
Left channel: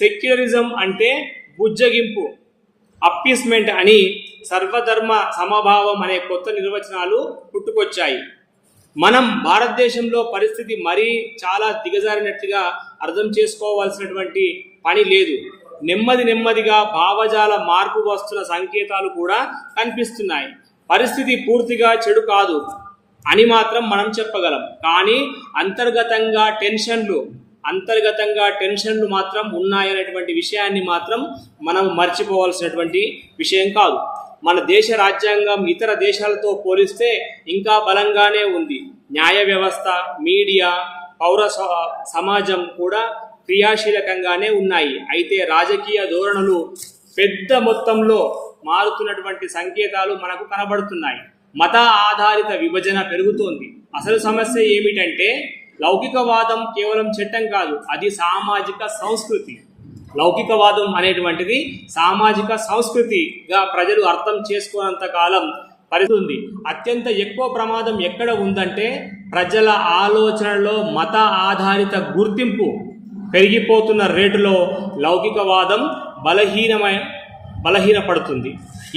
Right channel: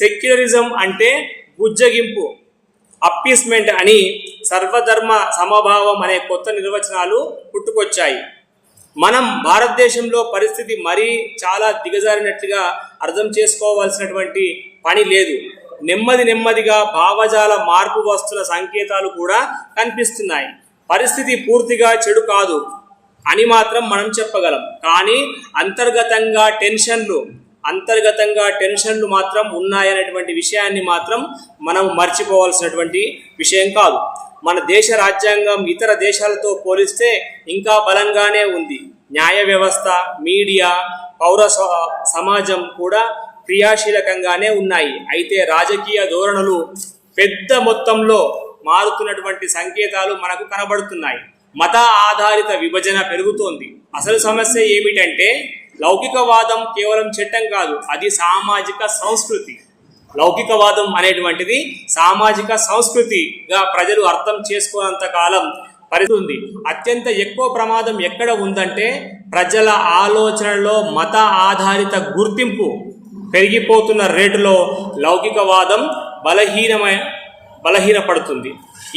సెక్యులరిజం అంటే బుజ్జగింపు, అప్పీస్మెంట్ అని సర్వధర్మ సమభావం అనే కొత్త నిర్వచనాలు పుట్టుకొచ్చాయి. మనం భారతదేశంలో పరిస్థితి మరీ చాలా దిగజారినట్లుగా అర్థం చేసుకోవాల్సినటువంటి పని లేదు. నెమ్మదిగా భావజాల మార్పు వస్తున్న సంకేతాలు కూడా కనిపిస్తున్నాయి. పరిస్థితి పూర్తిగా చెడు కాదు అని మాత్రం మనం చెప్పగలం. కానీ అంతర్గతంగా టెన్షన్లు మాత్రం ఉన్నాయనేటువంటి విషయాన్ని మాత్రం మనం మర్చిపోవాల్సినటువంటి విషయం కాదు. మన దేశ రాజ్యాంగం ఇతర దేశాలతో పోలిస్తే ఇంకా బలంగానే ఉంది. న్యాయ వ్యవస్థ, మీడియా, పౌర సమాజం కూడా క్రియాశీలకంగానే ఉన్నాయి. అయితే రాజకీయ ధోరణులు పెద్ద మొత్తంలో మారుతున్నటువంటి సంకేతాలు మనకు కనబడుతున్నాయి. మత ఆధారిత విభజన పెరుగుతోంది. అసలు సమస్య ఏమిటంటే లౌకికవాదం కేవలం చట్టం కాదు, అది సామాజిక సంస్కృతి. లౌకికవాదం అనేటువంటిది సామాజిక సంస్కృతిగా ప్రజలు అర్థం చేసుకోనంత కాలం పరిస్థితి. అత్యంత ఎక్కువ ప్రమాదం ఎక్కడ ఉందంటే ప్రజల ఆలోచనలో మత ఆధారిత గుర్తింపు పెరిగిపోతున్న రేటులో లౌకికవాదం బలహీనపడుతుంది.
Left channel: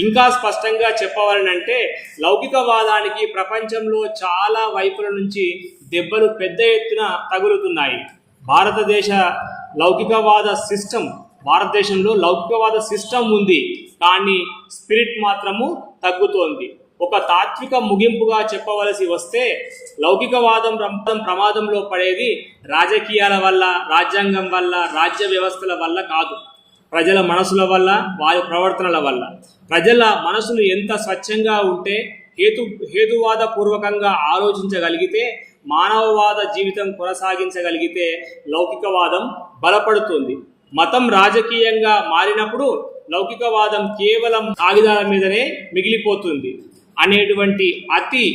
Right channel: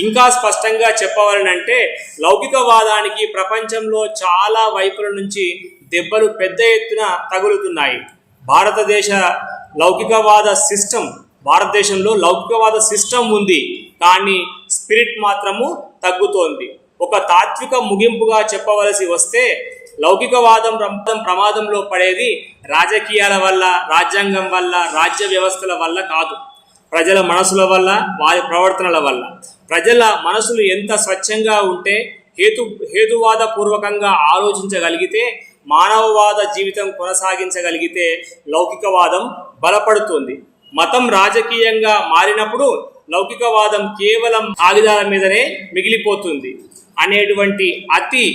ఇంకా స్పష్టంగా చెప్పవాలనంటే లౌకికవాదానికి ప్రపంచంలో చాలా వైపుల నుంచి దెబ్బలు పెద్ద ఎత్తున తగులుతున్నాయి. భారతదేశ లౌకికవాద సిస్టమ్, భారతదేశంలో లౌకికవాద సిస్టమ్ ఉంది, కానీ స్పిరిట్ మాత్రము తగ్గుతోంది. ఒక తాత్విక ముగింపుగా చెప్పవలసి వస్తే లౌకికవాదం ప్రమాదంలో పడేది రాజకీయాల వల్ల, రాజ్యాంగం వల్ల, రాజ్య వ్యవస్థల వల్ల కాదు, ప్రజల మనసుల వల్ల, వారి ప్రవర్తనల వల్ల. ప్రజల మనసులు ఎంత స్వచ్ఛంగా ఉంటే, హేతువాద పూర్వకంగా ఆలోచించగలిగితే, మానవవాద జీవితం కొనసాగించగలిగితే లౌకికవాదం బలపడుతుంది. మతం రాజకీయంగా మారినప్పుడు లౌకికవాదం కేవలం కాగితాల మీదనే మిగిలిపోతుంది అనేటువంటి అతి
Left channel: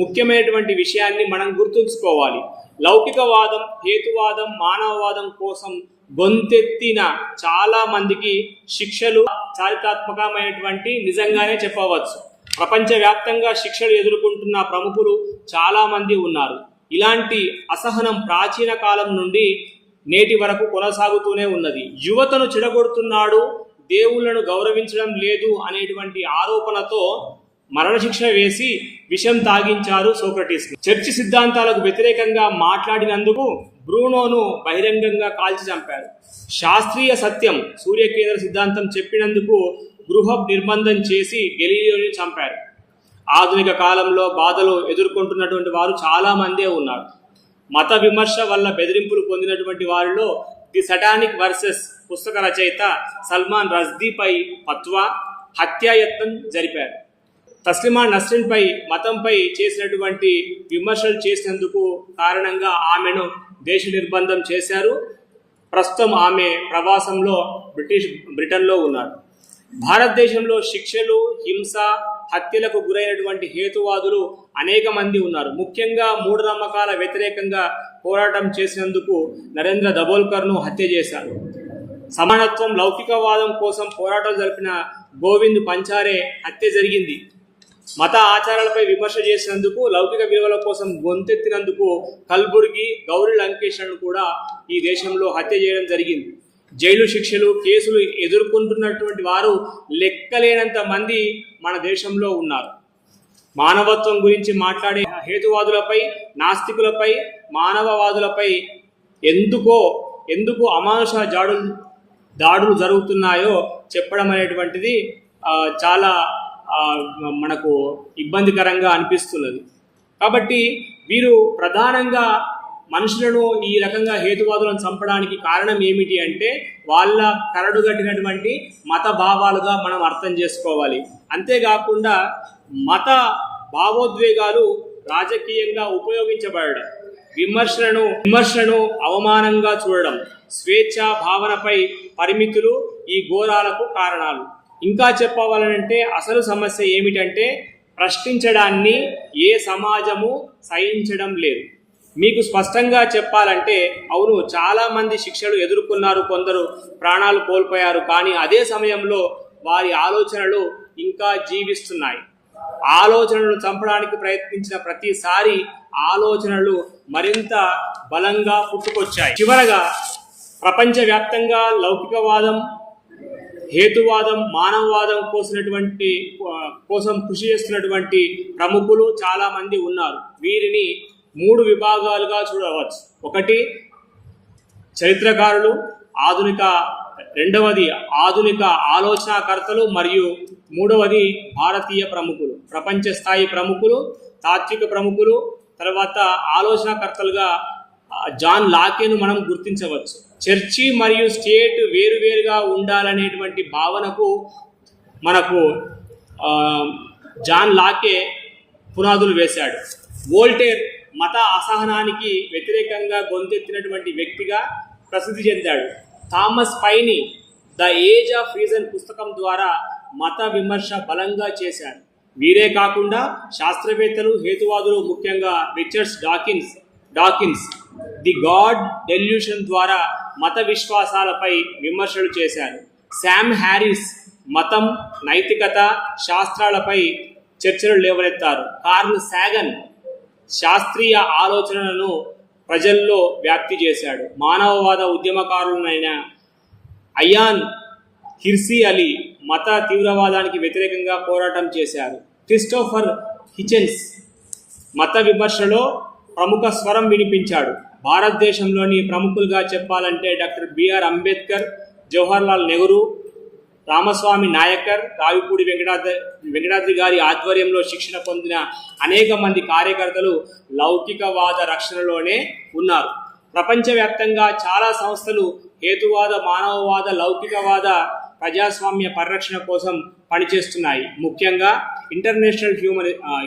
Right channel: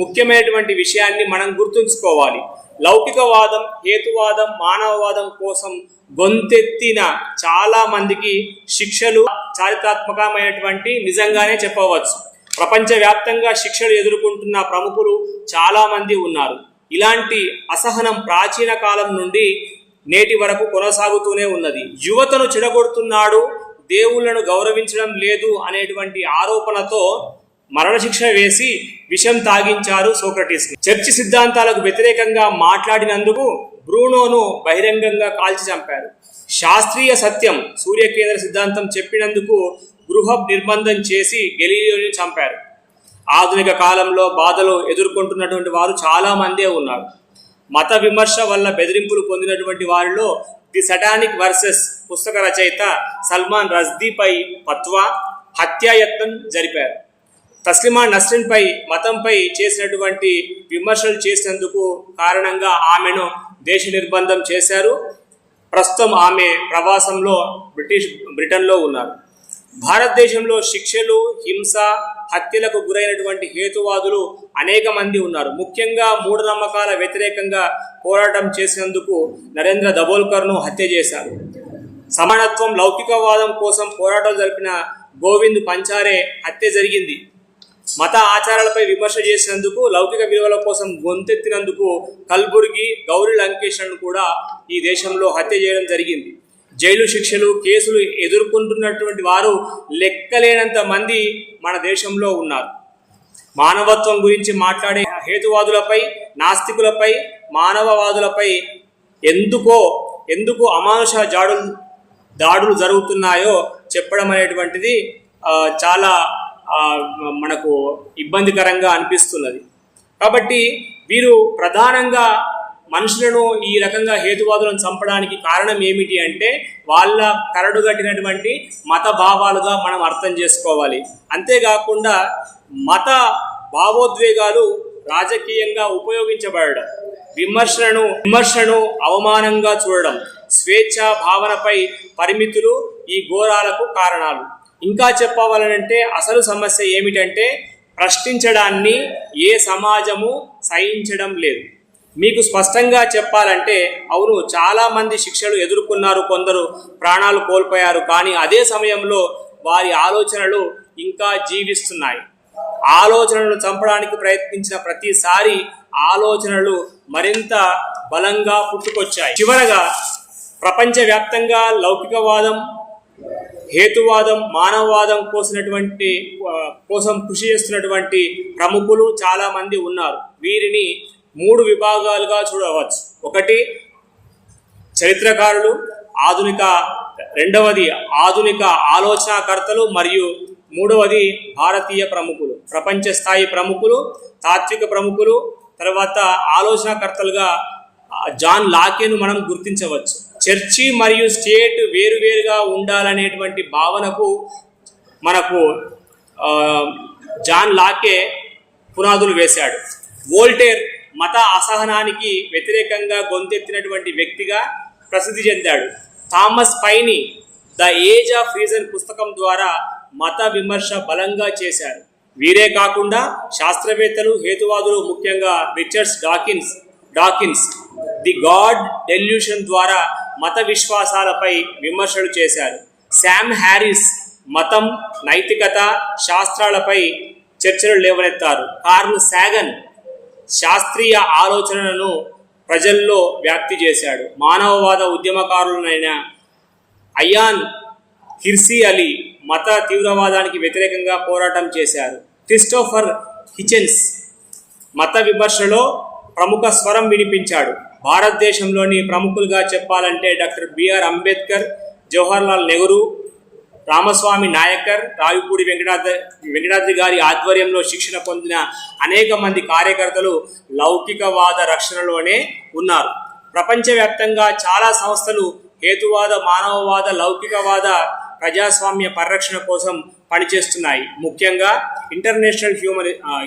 ముఖ్యమైనటువంటి విషయాన్ని మనం గుర్తుంచుకోవాలి. లౌకికవాదం, హేతువాదం, మానవవాదం కోసం గొంతెత్తిన చాలా మందికి శిక్షలు చారిత్రాత్మకమైనటువంటి నిజంగానే చెప్పవచ్చు. ప్రపంచవ్యాప్తంగా శిక్షలు ఎదుర్కొంటున్న ప్రముఖులు చాలామంది ఉన్నారు. ఇలాంటి అసహనం ప్రాచీన కాలం నుండి నేటి వరకు కొనసాగుతూనే ఉన్నది. యువతను చెడగొడుతున్నాడు, దేవుళ్లను గౌరవించడం లేదు అనేటువంటి ఆరోపణతో మరణశిక్ష వేసి విషం తాగించారు సోక్రటీస్. చర్చి సిద్ధాంతాలకు వ్యతిరేకంగా మాట్లాడినందుకు బ్రూనోను బహిరంగంగా కాల్చి చంపారు. శాస్త్రీయ సత్యం, సూర్యకేంద్ర సిద్ధాంతం చెప్పినందుకు గృహ నిర్బంధం చేసి గెలీలియోని చంపారు. ఆధునిక కాలంలో బాధలు ఎదుర్కొంటున్నటువంటి వారు చాలామందే ఉన్నారు. మత విమర్శ వల్ల బెదిరింపులు పొందినటువంటి వారిలో ది సటానిక్ వర్సెస్ పుస్తక రచయిత సల్మాన్ రష్దీపై ఫత్వా, హత్యాయత్నం జరిపారు. తస్లిమా నస్రిన్పై మతంపై చేసినటువంటి విమర్శలు చేసినందుకు కారణంగా ఆమెను దేశ నిర్బంధం చేశారు. ప్రస్తుతం ఆమె ప్రవాసంలో బ్రిటన్లో ఉన్నారు. భారతదేశంలో శిక్షలు, హింస, హత్యలకు గురైనటువంటి హేతువాదులు అనేక మంది ఉన్నారు. ముఖ్యంగా మూఢనమ్మకాల వ్యతిరేకంగా పోరాటం చేసినందుకు నరేంద్ర దబోల్కర్ను హత్య చేశారు. సమానత్వం, లౌకికవాదం కోసం పోరాటం జరిపిన గోవింద్ పంచారే హత్య జరిగింది. మత ఆచారాలపై విమర్శ చేసినందుకు, లౌకిక విలువల కోసం గొంతెత్తినందుకు కల్బుర్గి, గౌరీ లంకేష్లను కూడా ఈ దేశంలో హత్య చేయడం జరిగింది. జైలు శిక్షలు, కేసులు ఎదుర్కొంటున్నటువంటి వారు లెక్కలేనంత మంది మన దేశంలో ఉన్నారు. మానవత్వం గురించి మాట్లాడే హేతువాదులపై, నాస్తికులపై, మానవవాదులపై ఎందుకు అమానుష దాడులు జరుగుతున్నాయో చెప్పడం అనేటువంటిది చాలా మనకు ఇబ్బందికరంగా అనిపిస్తున్నది. కాబట్టి వీరు ప్రధానంగా మనుషులను ఈ రకంగా హేతువాదులను చంపడానికి కారణం ఏమిటి అంటే వాళ్ళ కరడుగట్టినటువంటి మత భావాలుగా మనం అర్థం చేసుకోవాలి. అంతేకాకుండా మత భావోద్వేగాలు రాజకీయంగా ఉపయోగించబడడం, విమర్శను అవమానంగా చూడడం, స్వేచ్ఛ భావనపై పరిమితులు ఈ ఘోరాలకు కారణాలు. ఇంకా చెప్పవాలనంటే అసలు సమస్య ఏమిటంటే ప్రశ్నించడాన్ని ఏ సమాజము సహించడం లేదు. మీకు స్పష్టంగా చెప్పాలంటే అవును, చాలామంది శిక్షలు ఎదుర్కొన్నారు, కొందరు ప్రాణాలు కోల్పోయారు, కానీ అదే సమయంలో వారి ఆలోచనలు ఇంకా జీవిస్తున్నాయి. ఆలోచనలను చంపడానికి ప్రయత్నించిన ప్రతిసారి ఆలోచనలు మరింత బలంగా పుట్టుకొచ్చాయి. చివరగా ప్రపంచవ్యాప్తంగా లౌకికవాదం, హేతువాదం, మానవవాదం కోసం కృషి చేస్తున్నటువంటి ప్రముఖులు చాలామంది ఉన్నారు. వీరిని 3 విభాగాలుగా చూడవచ్చు. ఒకటి చరిత్రకారులు, రెండవది ఆధునిక ఆలోచనాకర్తలు, మరియు మూడవది భారతీయ ప్రముఖులు, ప్రపంచ స్థాయి ప్రముఖులు, తాత్విక ప్రముఖులు. తర్వాత ఆలోచనాకర్తలుగా జాన్ లాకేను మనం గుర్తించవచ్చు. చర్చి మరియు స్టేట్ వేరువేరుగా ఉండాలనేటువంటి భావనకు మనకు జాన్ లాకే పునాదులు వేశాడు. వోల్టేర్ మత అసహనానికి వ్యతిరేకంగా గొంతెత్తినటువంటి వ్యక్తిగా ప్రసిద్ధి చెందాడు. Thomas Paine the age of reason పుస్తకం ద్వారా మత విమర్శ బలంగా చేశారు. వీరే కాకుండా శాస్త్రవేత్తలు, హేతువాదులు, ముఖ్యంగా Richard Dawkins the God delusion ద్వారా మత విశ్వాసాలపై విమర్శలు చేశారు. శామ్ హ్యారిస్ మతం, నైతికత, శాస్త్రాలపై చర్చలు లేవనెత్తారు. కార్ల్ సాగన్ శాస్త్రీయ ఆలోచనలను ప్రజల్లో వ్యాప్తి చేశాడు. మానవవాద ఉద్యమకారులైన అయాన్ హిర్సీ అలీ మత తీవ్రవాదానికి వ్యతిరేకంగా పోరాటం చేశారు. క్రిస్టోఫర్ హిచెన్స్ మత విమర్శలో ప్రముఖ స్వరం వినిపించాడు. భారతదేశంలోని ప్రముఖులుగా చెప్పాలంటే డాక్టర్ బిఆర్ అంబేద్కర్, జవహర్లాల్ నెహ్రూ, రామస్వామి నాయకర్, రావిపూడి వెంకటాద్రి గారి ఆధ్వర్యంలో శిక్షణ పొందిన అనేక మంది కార్యకర్తలు లౌకికవాద రక్షణలోనే ఉన్నారు. ప్రపంచవ్యాప్తంగా చాలా సంస్థలు హేతువాద, మానవవాద, లౌకికవాద, ప్రజాస్వామ్య పరిరక్షణ కోసం పనిచేస్తున్నాయి. ముఖ్యంగా ఇంటర్నేషనల్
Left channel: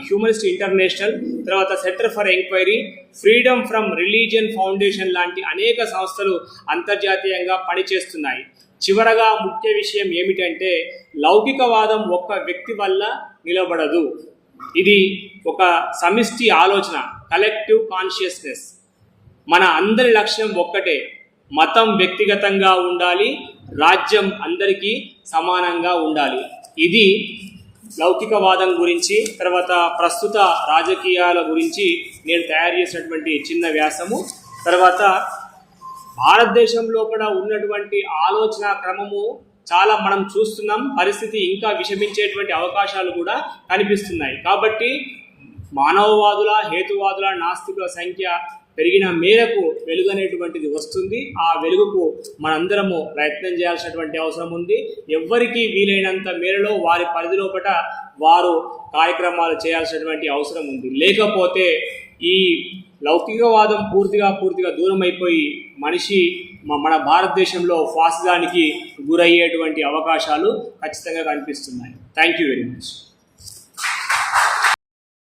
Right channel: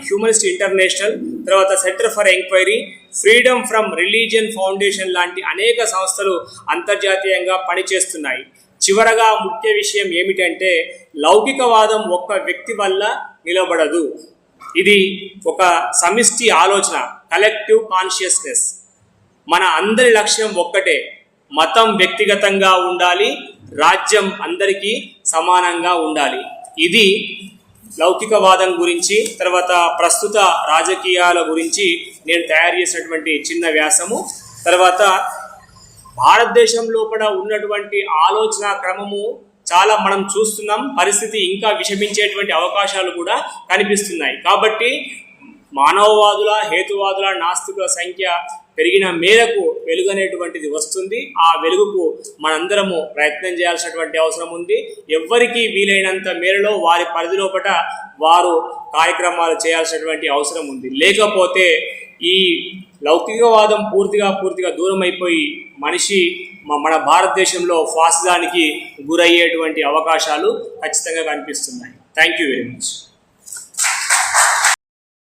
హ్యూమనిస్ట్ ఇంటర్నేషనల్, తర్వాత centre for enquiry, freedom from religion foundation లాంటి అనేక సంస్థలు అంతర్జాతీయంగా పనిచేస్తున్నాయి. చివరగా ముఖ్య విషయం ఏమిటంటే లౌకికవాదం ఒక్క వ్యక్తి వల్ల నిలబడదు. ఇది ఒక సమిష్టి ఆలోచన, కలెక్టివ్ కాన్షియస్నెస్. మన అందరి లక్ష్యం ఒక్కటే, మతం వ్యక్తిగతంగా ఉండాలి, రాజ్యం అందరికీ సమానంగా ఉండాలి. ఇది లౌకికవాదం గురించి, తర్వాత ప్రస్తుత రాజకీయాల గురించి నేను తయారు చేసినటువంటి చిన్న వ్యాసము. తర్వాత భారతదేశం లోపల ఉన్నటువంటి ఆలోచన క్రమము చాలా మనం చూస్తున్నాం. పరిస్థితి ఇంకా విషమించేటువంటి అవకాశాలు కూడా కనిపిస్తున్నాయి. కాబట్టి మానవవాదుల, హేతువాదుల, నాస్తికుల సంఖ్య పెరిగిన మేరకు వెలుగు అనేటువంటిది వస్తుంది. ఆ వెలుగుకు మనందరము ప్రయత్నం చేయాల్సినటువంటి అవసరం ఉంది. ఎవ్వరికీ వీలైనంత మేరలో వారి పరిధి లోపల వారు కార్యక్రమాలు చేయాల్సినటువంటి అవసరం ఉంది. లేకపోతే ఈ లౌకికవాదం పూర్తిగా దూరం అయిపోయి మనిషి మన భారతదేశంలో ఫాసిజానికి గురయ్యేటువంటి అవకాశాలు ఖచ్చితంగా కనిపిస్తున్నాయి. Thank you very much.